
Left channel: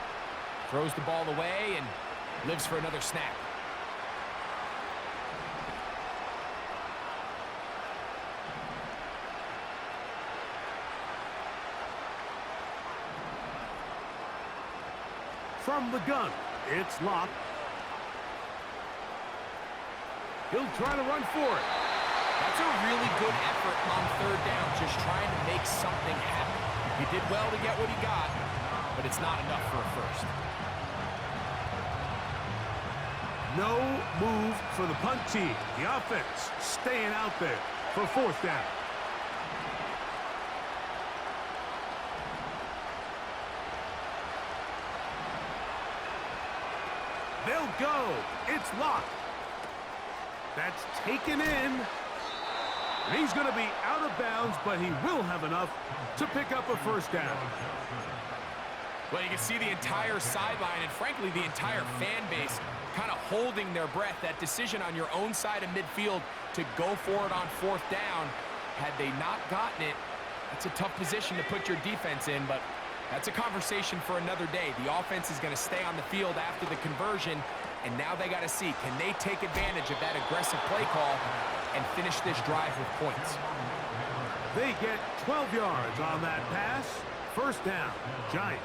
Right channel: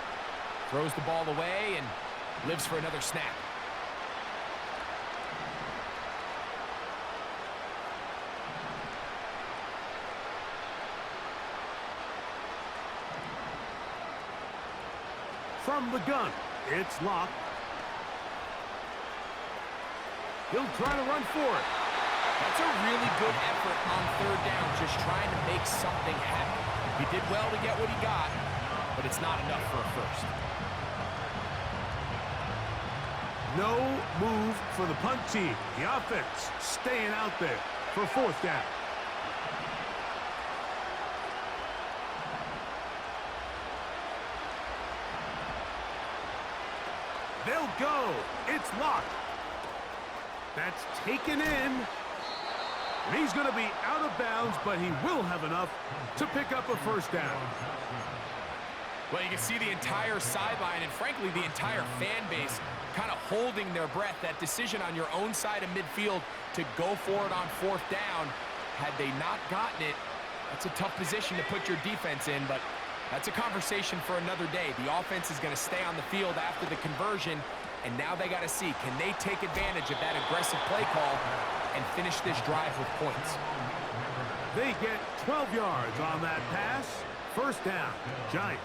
throws the ball away and lives for another snap. From the gun, it's Locke. He'll try to run for it. That's a really good effort on 3rd down, just trying to make something happen. He did well to get what he got, but it's not enough for a first. No move for the punt team. The offense staying out there for 4th down. They'll go. It's Locke. That's taken in. And he's going to be out of bounds, but he will have enough to pick up a 1st down. Well, you can see the entire sideline and, frankly, the entire fan base kind of holding their breath. That decision on your own side of midfield to go for it on 4th down, had they not gotten it, that's a tough position to put your defense in, but that's a conversation for another day. The offense is going to stay on the field after the conversion, and now they got to see, can they take advantage of that aggressive play call and finish this drive with points? They get 12 yards on that pass. First down, Giants.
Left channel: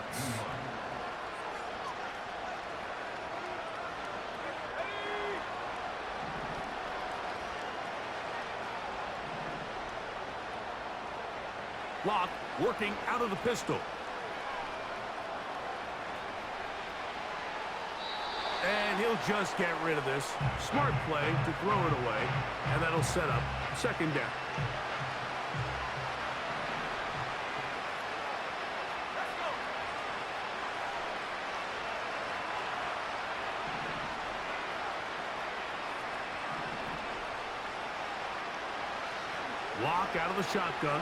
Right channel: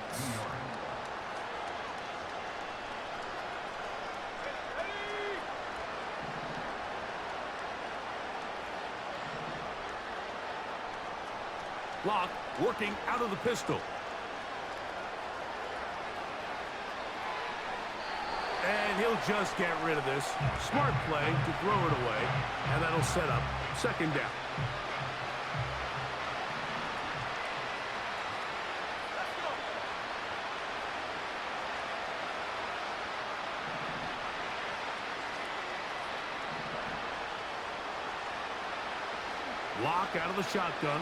Lock working out of the pistol. And he'll just get rid of this. Smart play to throw it away, and that'll set up second down. Let's go. Lock out of the shotgun.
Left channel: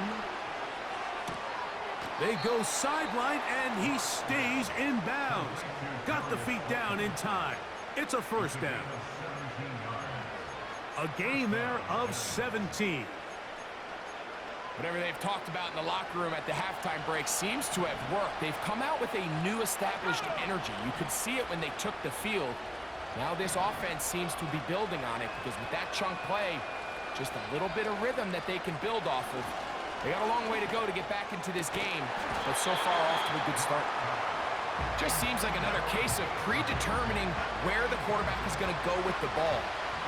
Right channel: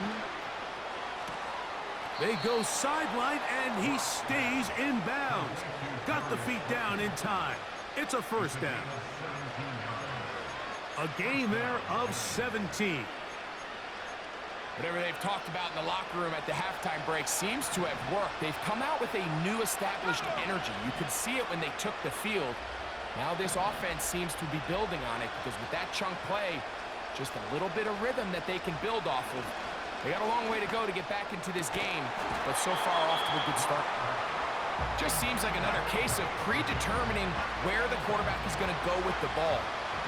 They go sideline, and he stays in bounds. Got the feet down in time. It's a first down. A gain there of 17. Whatever they've talked about in the locker room at the halftime break seems to have worked. They've come out with a new established energy. You could see it when they took the field. Now this offense seems to be building on it because with that chunk play, just a little bit of rhythm that they can build off of. They got a long way to go to get back into this game, but so far off to a good start. Just seems like another case of predetermining where the quarterback is going to go with the ball.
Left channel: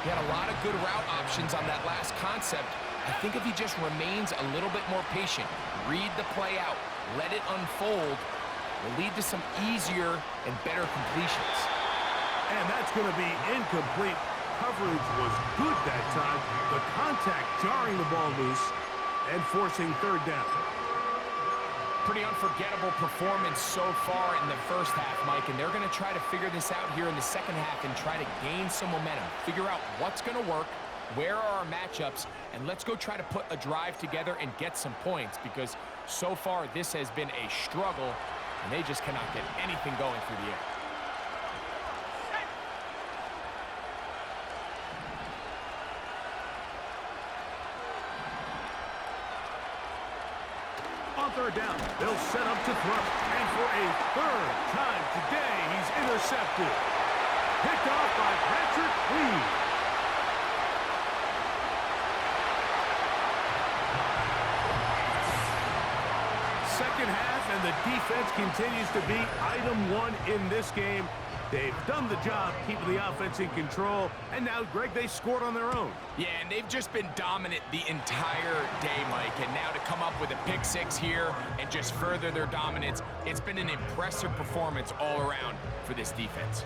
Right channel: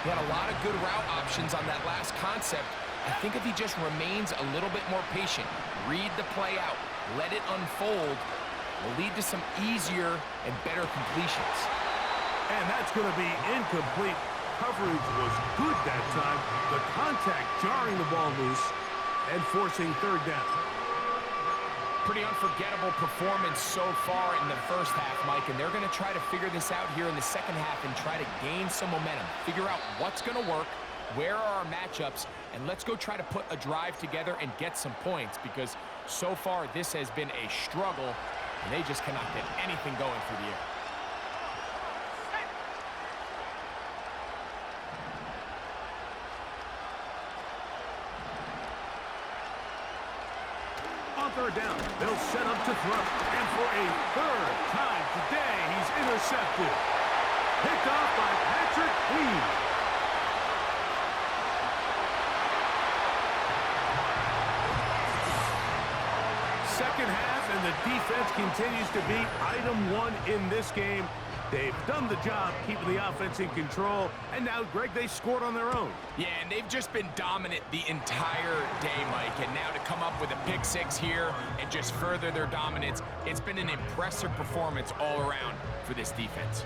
He had a lot of good route options on that last concept. I think if he just remains a little bit more patient, read the play out, let it unfold, will lead to some easier and better completions. And that's going to be incomplete. Coverage was good that time. The contact jarring the ball loose and forcing third down. Pretty unforgettable performance so far in the first half, Mike, and they're going to try to figure this out here in the second half and try to gain some momentum. Figure out what's going to work, where are our matchups, and let's go try to put a drive together and get some points because so far this has been a struggle, and they just cannot get anything going through the air. On third down, they'll set up to throw. And for a third time today, he's intercepted. Picked off by Patrick Lee. Second half, and the defense continues to be item one in this game. They've done the job keeping the offense in control, and now, Greg, they scored on their own. Yeah, and they've just been dominant the entire day, Mike, and now to come up with a pick six here and just further their dominance, it's been an impressive performance all around for this defense.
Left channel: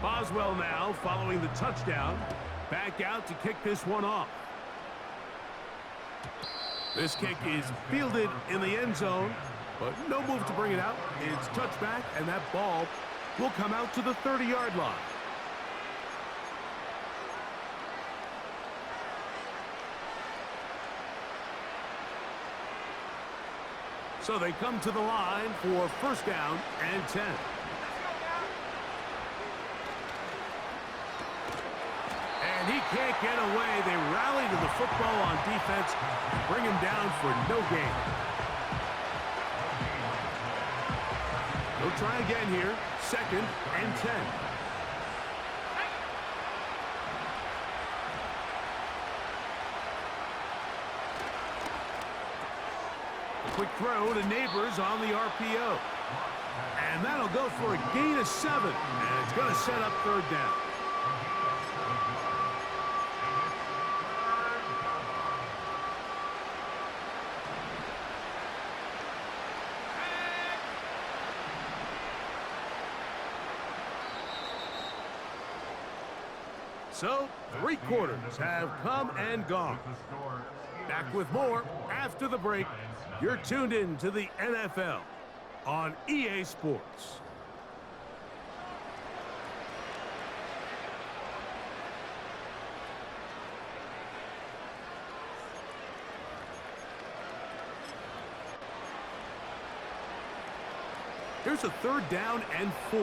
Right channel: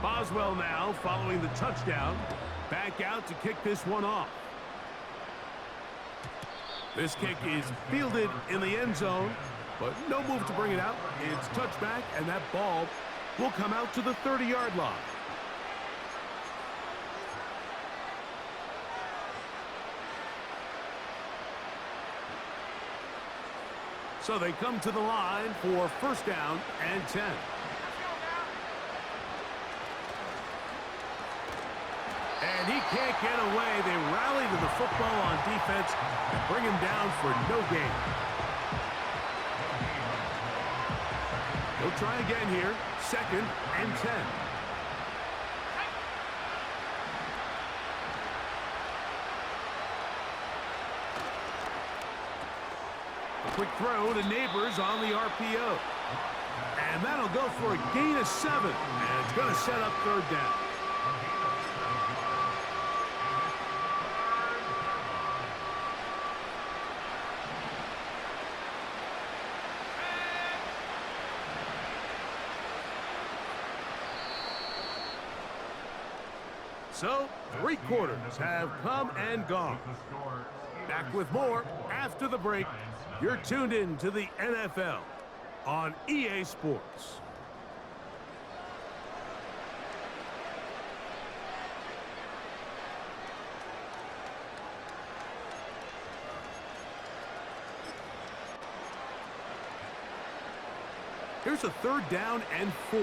Boswell now following the touchdown. Back out to kick this one off. This kick is fielded in the end zone, but no move to bring it out. It's touchback, and that ball will come out to the 30-yard line. So they come to the line for first down and 10. And he can't get away. They rally to the football on defense and bring him down for no gain. They'll try again here. Second and 10. A quick throw to Neighbors on the RPO. And that'll go for a gain of 7. And it's going to set up third down. So, 3 quarters have come and gone. Back with more after the break. You're tuned in to the NFL on EA Sports. Here's a third down and 4.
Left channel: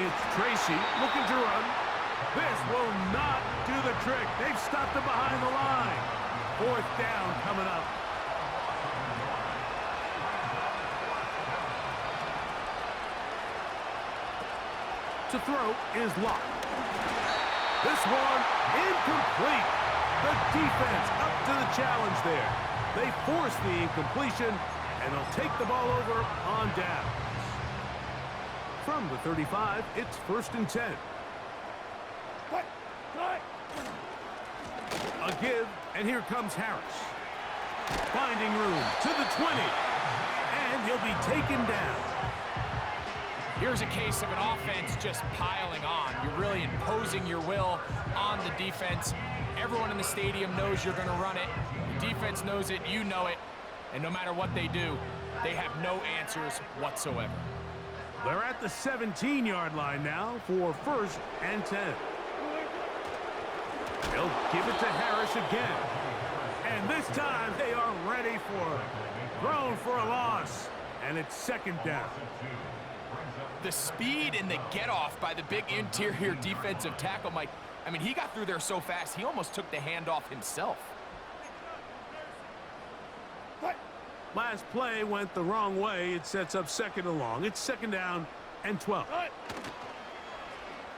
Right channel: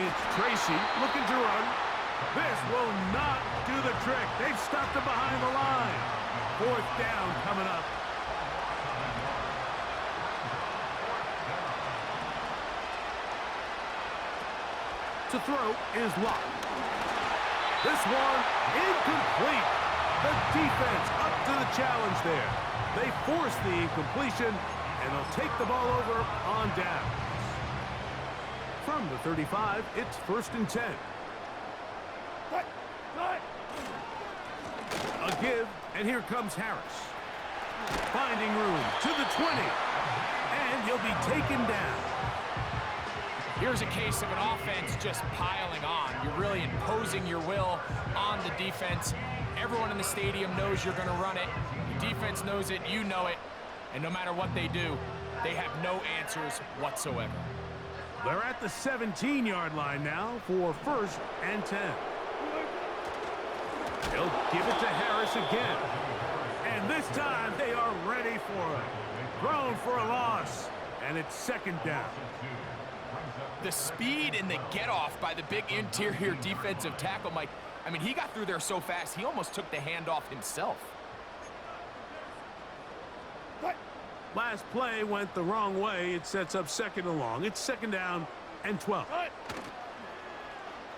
It's Tracy looking to run. This will not do the trick. They've stopped him behind the line. 4th down coming up. To throw is Locke. This one incomplete. The defense up to the challenge there. They force the incompletion, and they'll take the ball over on downs. From the 35, it's 1st and 10. A give, and here comes Harris. Finding room to the 20, and he'll be taken down. Here's a case of an offense just piling on. You're really imposing your will on the defense. Everyone in the stadium knows you're going to run it. The defense knows it, you know it. And no matter what they do, they have no answers whatsoever. They're at the 17-yard line now for 1st and 10. They'll give it to Harris again. And this time they are ready for it. Thrown for a loss. And it's 2nd down. The speed and the get-off by the big interior defensive tackle, Mike. I mean, he got through there so fast, he almost took the handoff himself. Last play went the wrong way. It sets up 2nd and long. It's 2nd down and 12.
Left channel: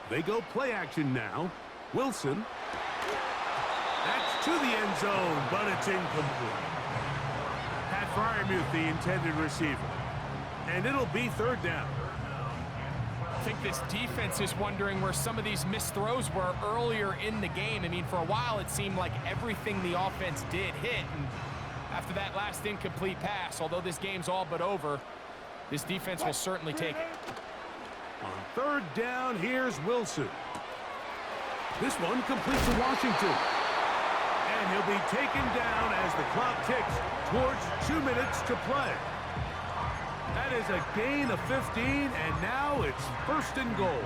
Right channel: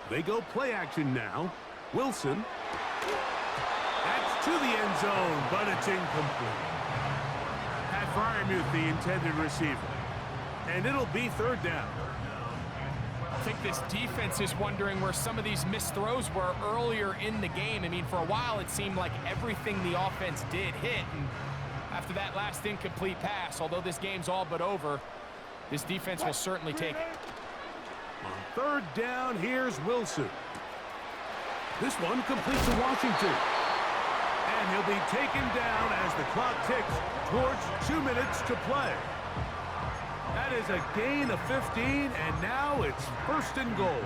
They go play action now. Wilson. That's to the end zone, but it's incomplete. Pat Fryermuth, the intended receiver. And it'll be 3rd down. I think this defense is wondering where some of these missed throws were earlier in the game. I mean, for a while it seemed like everything the offense did hit, and after that last incomplete pass, although this game's all but over, this defense will certainly take it. On 3rd down, here's Wilson. This one complete to Washington. And he'll be taken down as the clock ticks towards 2 minutes to play. That is a gain of 15, and now it's 1st and goal.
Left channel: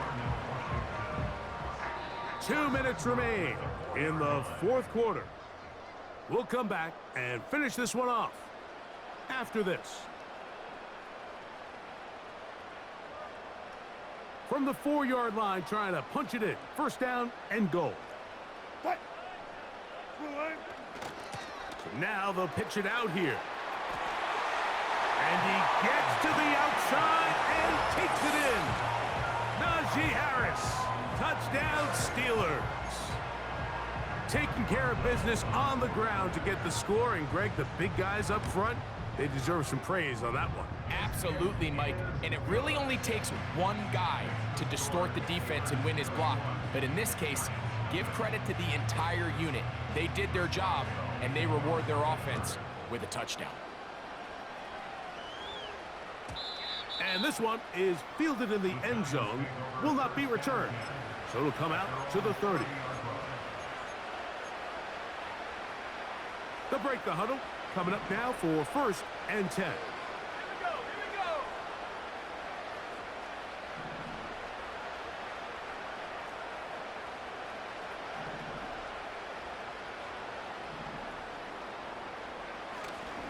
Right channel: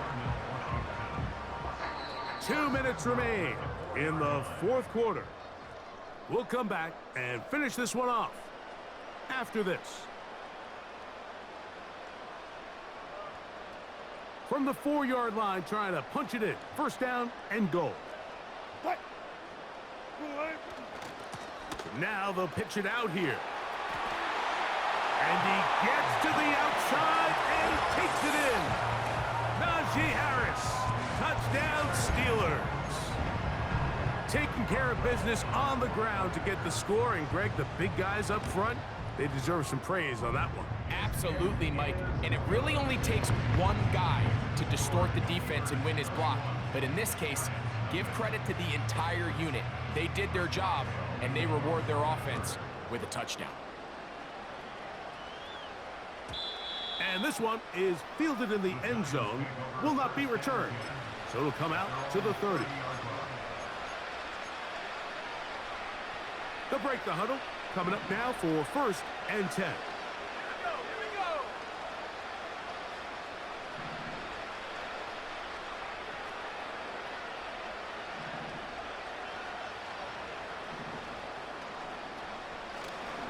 2 minutes remain in the 4th quarter. We'll come back and finish this one off after this. From the 4-yard line, trying to punch it in. 1st down and goal. So now they'll pitch it out here. And he gets to the outside and takes it in. Najee Harris. Touchdown, Steelers. Taking care of business on the ground to get the score. And, Greg, the big guys up front, they deserve some praise on that one. Absolutely, Mike. And it really only takes one guy to distort the defense and win his block. But in this case, give credit to the entire unit. They did their job, and they reward their offense with a touchdown. And this one is fielded in the end zone, will not be returned. So it'll come out to the 30. They'll break the huddle. Coming up now for 1st and 10. Here we go, here we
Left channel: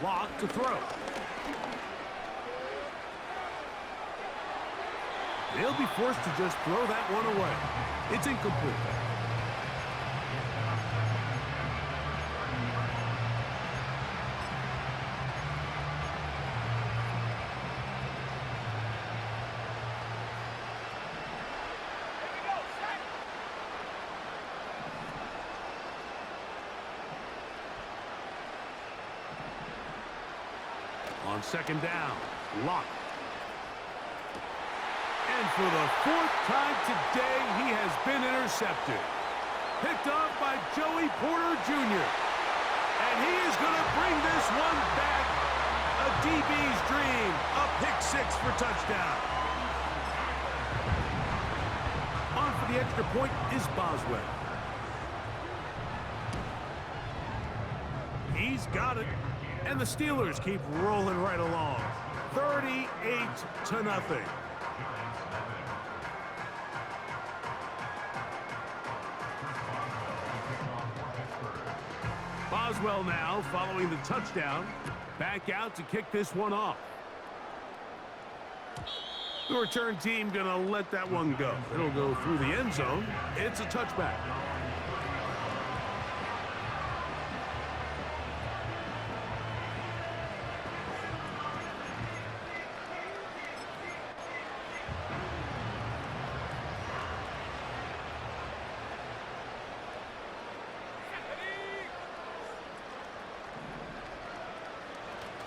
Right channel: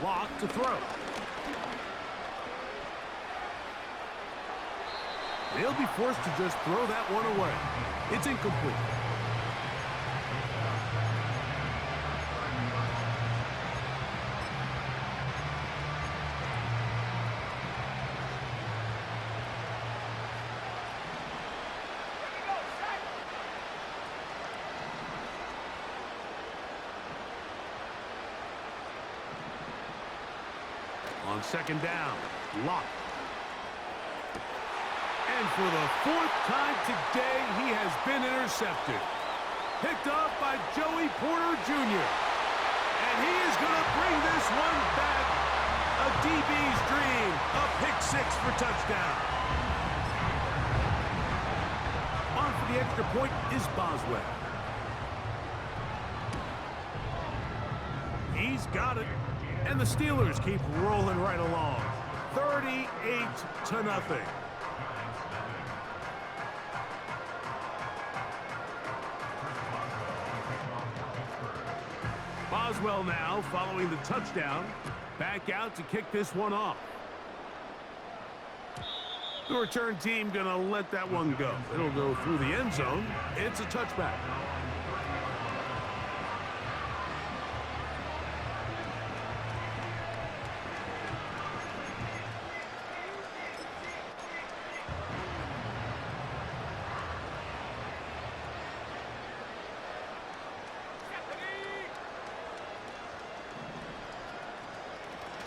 go. Lock to throw. They'll be forced to just throw that one away. It's incomplete. On 2nd down, Lock. And for the 4th time today, he has been intercepted. Picked off by Joey Porter Jr. And he is going to bring this one back. A DB's dream. A pick 6 for touchdown. On for the extra point is Boswell. He's got it. And the Steelers keep rolling right along. 38-0. Boswell now following the touchdown. Back out to kick this one off. The return team going to let that one go. It'll go through the end zone. It's a touchback.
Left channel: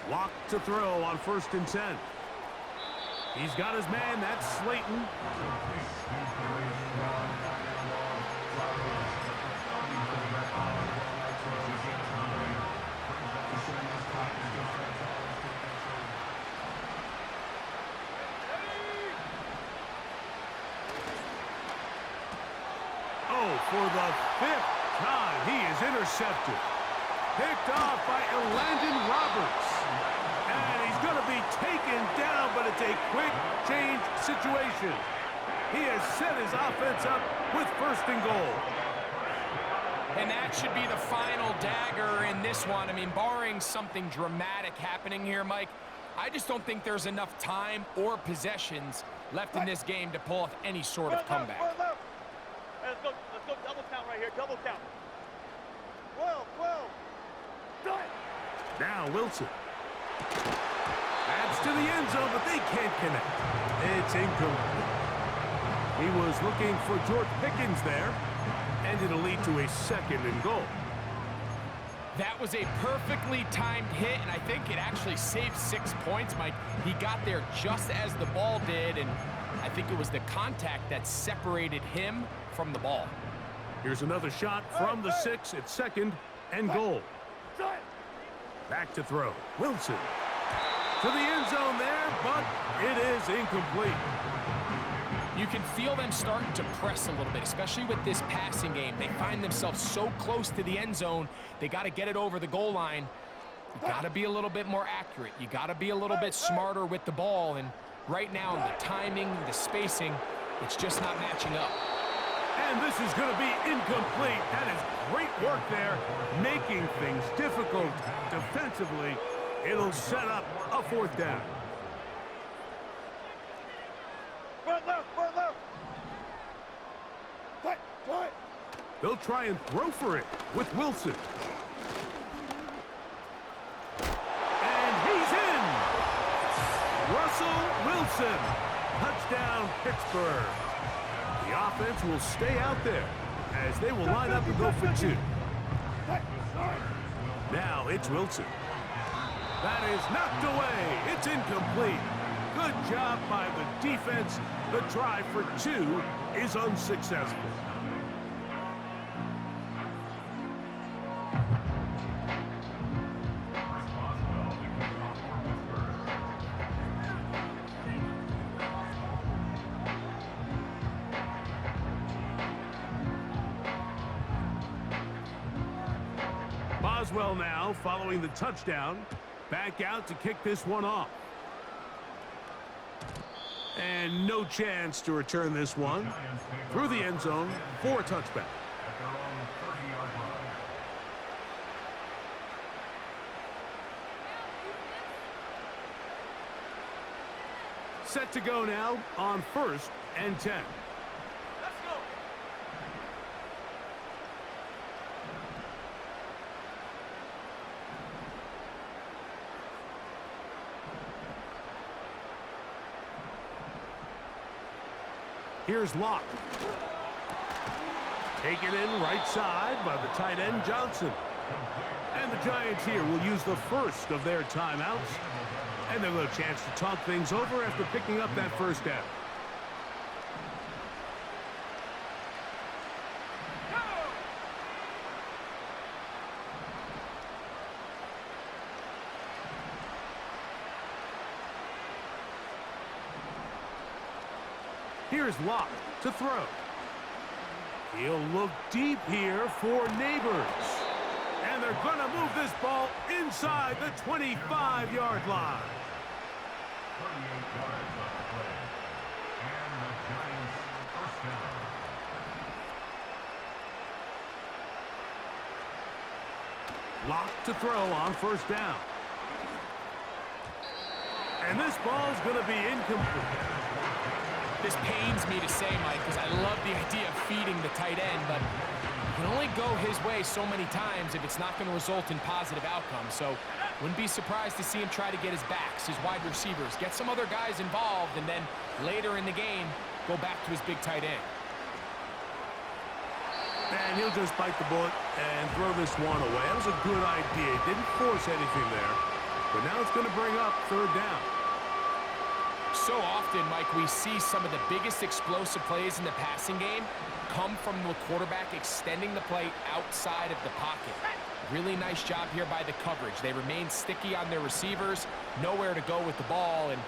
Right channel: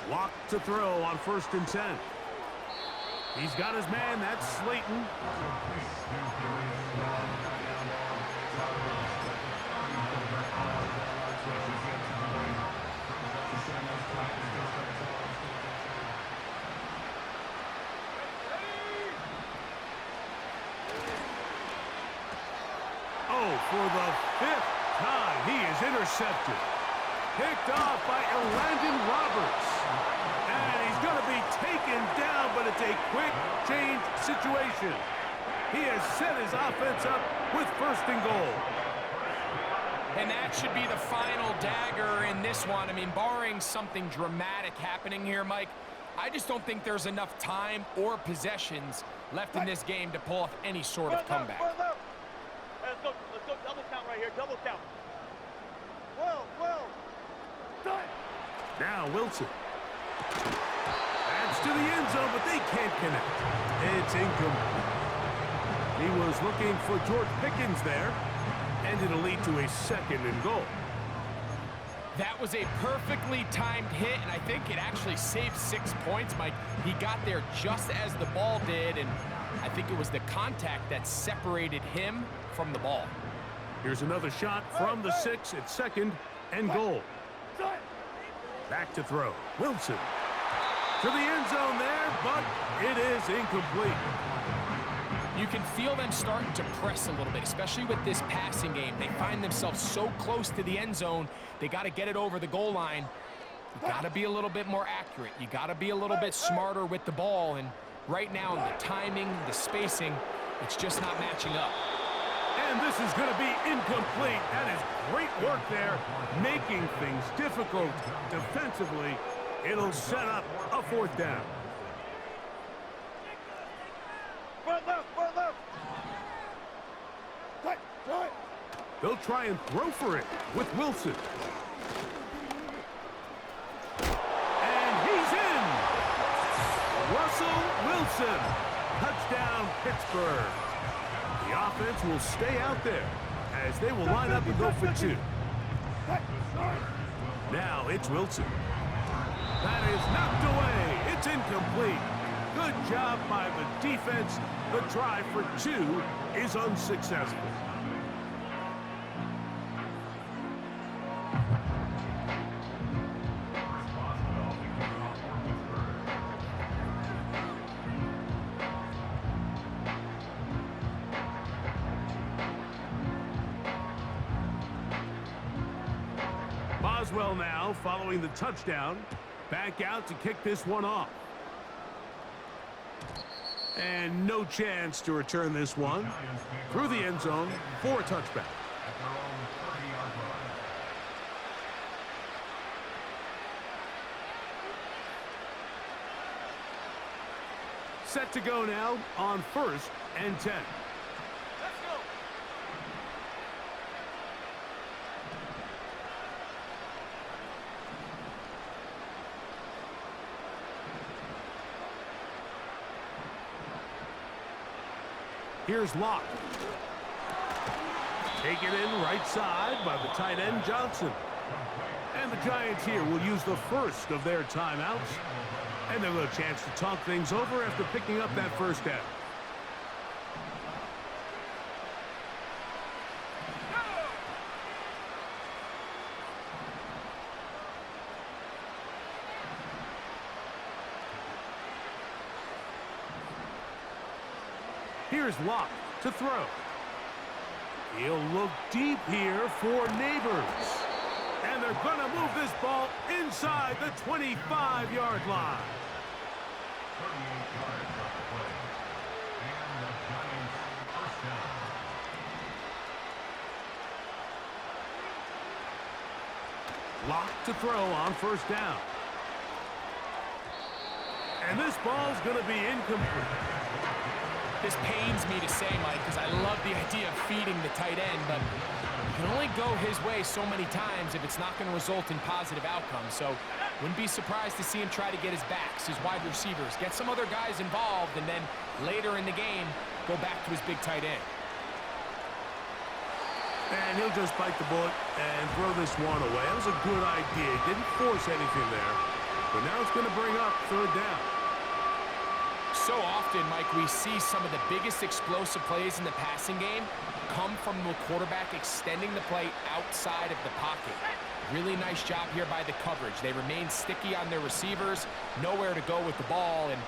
Lock to throw on 1st and 10. He's got his man. That's Slayton. Oh, for the 5th time, he is intercepted. Picked off by Elandon Roberts. And he's going to be taken down, but it's a quick change situation. He has set his offense up with 1st and goal. And that should be the final dagger in this one. I mean, barring something dramatic happening here, Mike, I just don't think there's enough time or possessions left in this game to pull off any sort of comeback. Let's go double count right here, double count. Well. Done. Now Wilson. Adds to the end zone, but they can't connect. It's incomplete. He was looking for George Pickens there, and it'll lead to a 2nd and goal. That was a perfectly timed hit, and I think it actually saved 6 points, Mike. He got there just as the ball did, and I think it was the contact that separated him from the ball. Here's another shot from the 6 at 2nd and goal. Back to throw. Wilson. To the end zone there, but it is incomplete. You can feel them starting to press a little bit, especially with this passing game. They find themselves so close to the end zone, they got to get it over the goal line. You got to be a little bit more accurate. You got to be a little bit smarter with the ball, and right now, the timing, the spacing, it's just not matching up. And this is going to be incomplete. That is great work there, making things difficult defensively. It'll set up a 4th down. Front left. Tight. They'll try and throw for it with Wilson. And he's in! Russell Wilson. Touchdown, Pittsburgh. The offense will stay out there as they will line up and go for 2. Now it's Wilson. That is knocked away. It's incomplete. Good job by the defense. The try for 2 is unsuccessful. Boswell now following the touchdown. Back out to kick this one off. And no chance to return this one. Through the end zone for a touchback. Set to go now on 1st and 10. Let's go. Here's Locke. Taken in right side by the tight end Johnson. And the Giants here will use the 1st of their timeouts. And they'll have a chance to talk things over after picking up that 1st down. Here's Locke to throw. He'll look deep here for Neighbors. And they're going to move this ball inside the 25-yard line. 38 yards on the play. And the Giants 1st down. Locke to throw on 1st down. And this ball's going to be incomplete. This pains me to say, Mike, because I love the idea of feeding the tight end, but you can only go his way so many times if it's not going to result in positive outcomes. So wouldn't be surprised to see him try to get his backs, his wide receivers, get some other guys involved, and then later in the game, go back to his big tight end. And he'll just bite the bullet and throw this one away. That was a good idea. He didn't force anything there. But now it's going to bring up third down. So often, Mike, we see some of the biggest explosive plays in the passing game come from the quarterback extending the play outside of the pocket. Really nice job here by the coverage. They remain sticky on their receivers, nowhere to go with the ball, and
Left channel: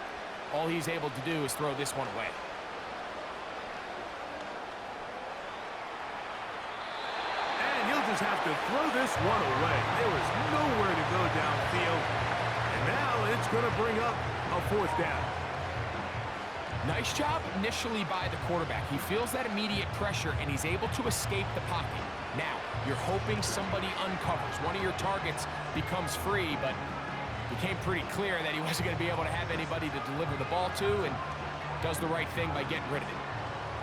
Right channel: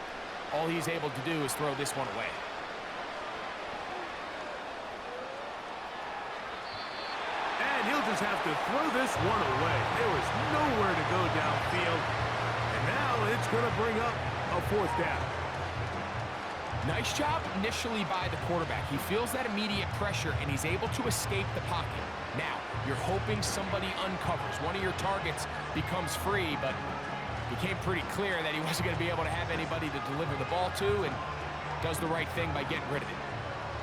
all he's able to do is throw this one away. And he'll just have to throw this one away. There was nowhere to go downfield. And now it's going to bring up a fourth down. Nice job initially by the quarterback. He feels that immediate pressure, and he's able to escape the pocket. Now, you're hoping somebody uncovers. One of your targets becomes free, but it became pretty clear that he wasn't going to be able to have anybody to deliver the ball to, and does the right thing by getting rid of it.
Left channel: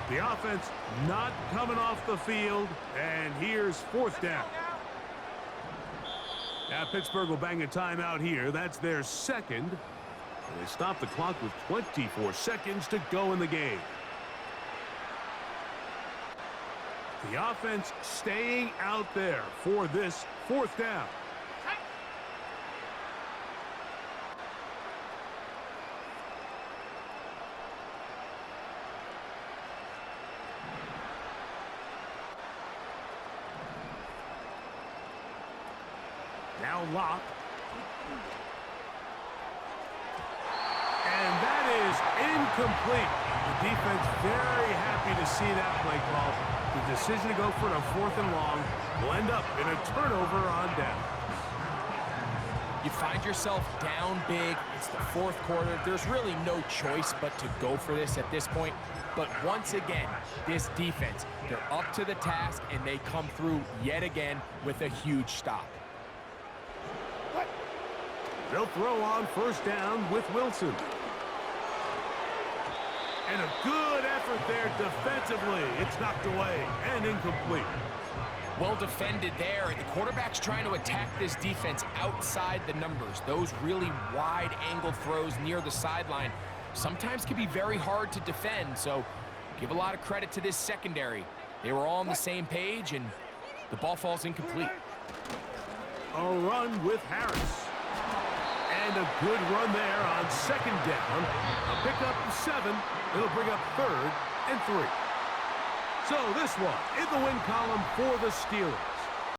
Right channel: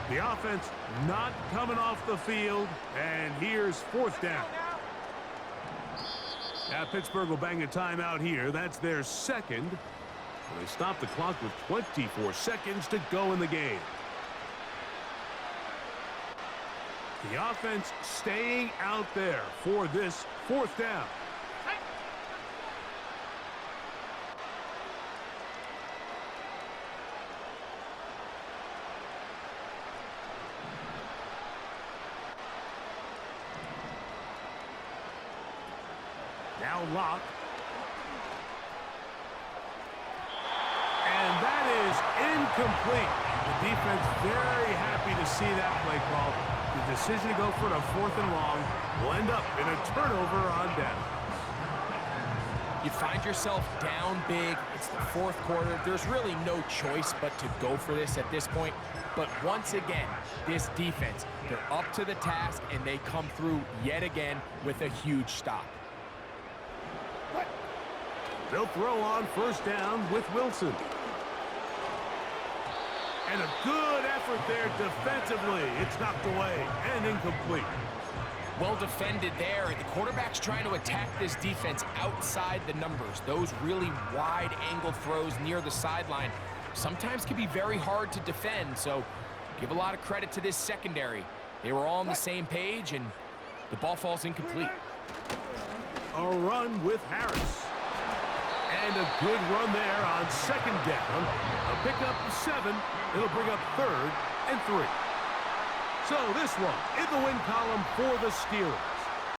The offense not coming off the field, and here's fourth down. Now Pittsburgh will bang a timeout here. That's their second. And they stop the clock with 24 seconds to go in the game. The offense staying out there for this fourth down. Now Locke. And that is incomplete. The defense very happy to see that play call. The decision to go for it on 4th and long will end up in a turnover on down. You find yourself down big. It's the fourth quarter. There's really no choice but to go for this at this point. But once again, this defense, they're up to the task, and they come through yet again with a huge stop. They'll throw on first down with Wilson. And a good effort there defensively. It's knocked away and incomplete. Well defended there. The quarterback's trying to attack this defense outside the numbers. Those really wide-angled throws near the sideline sometimes can be very hard to defend, so give a lot of credit to this secondary. They were all on the same page, and the ball falls incomplete. A run with Harris. And a good run there on second down. A pickup of 7. It'll bring up 3rd and 3. So this one in the win column for the Steelers.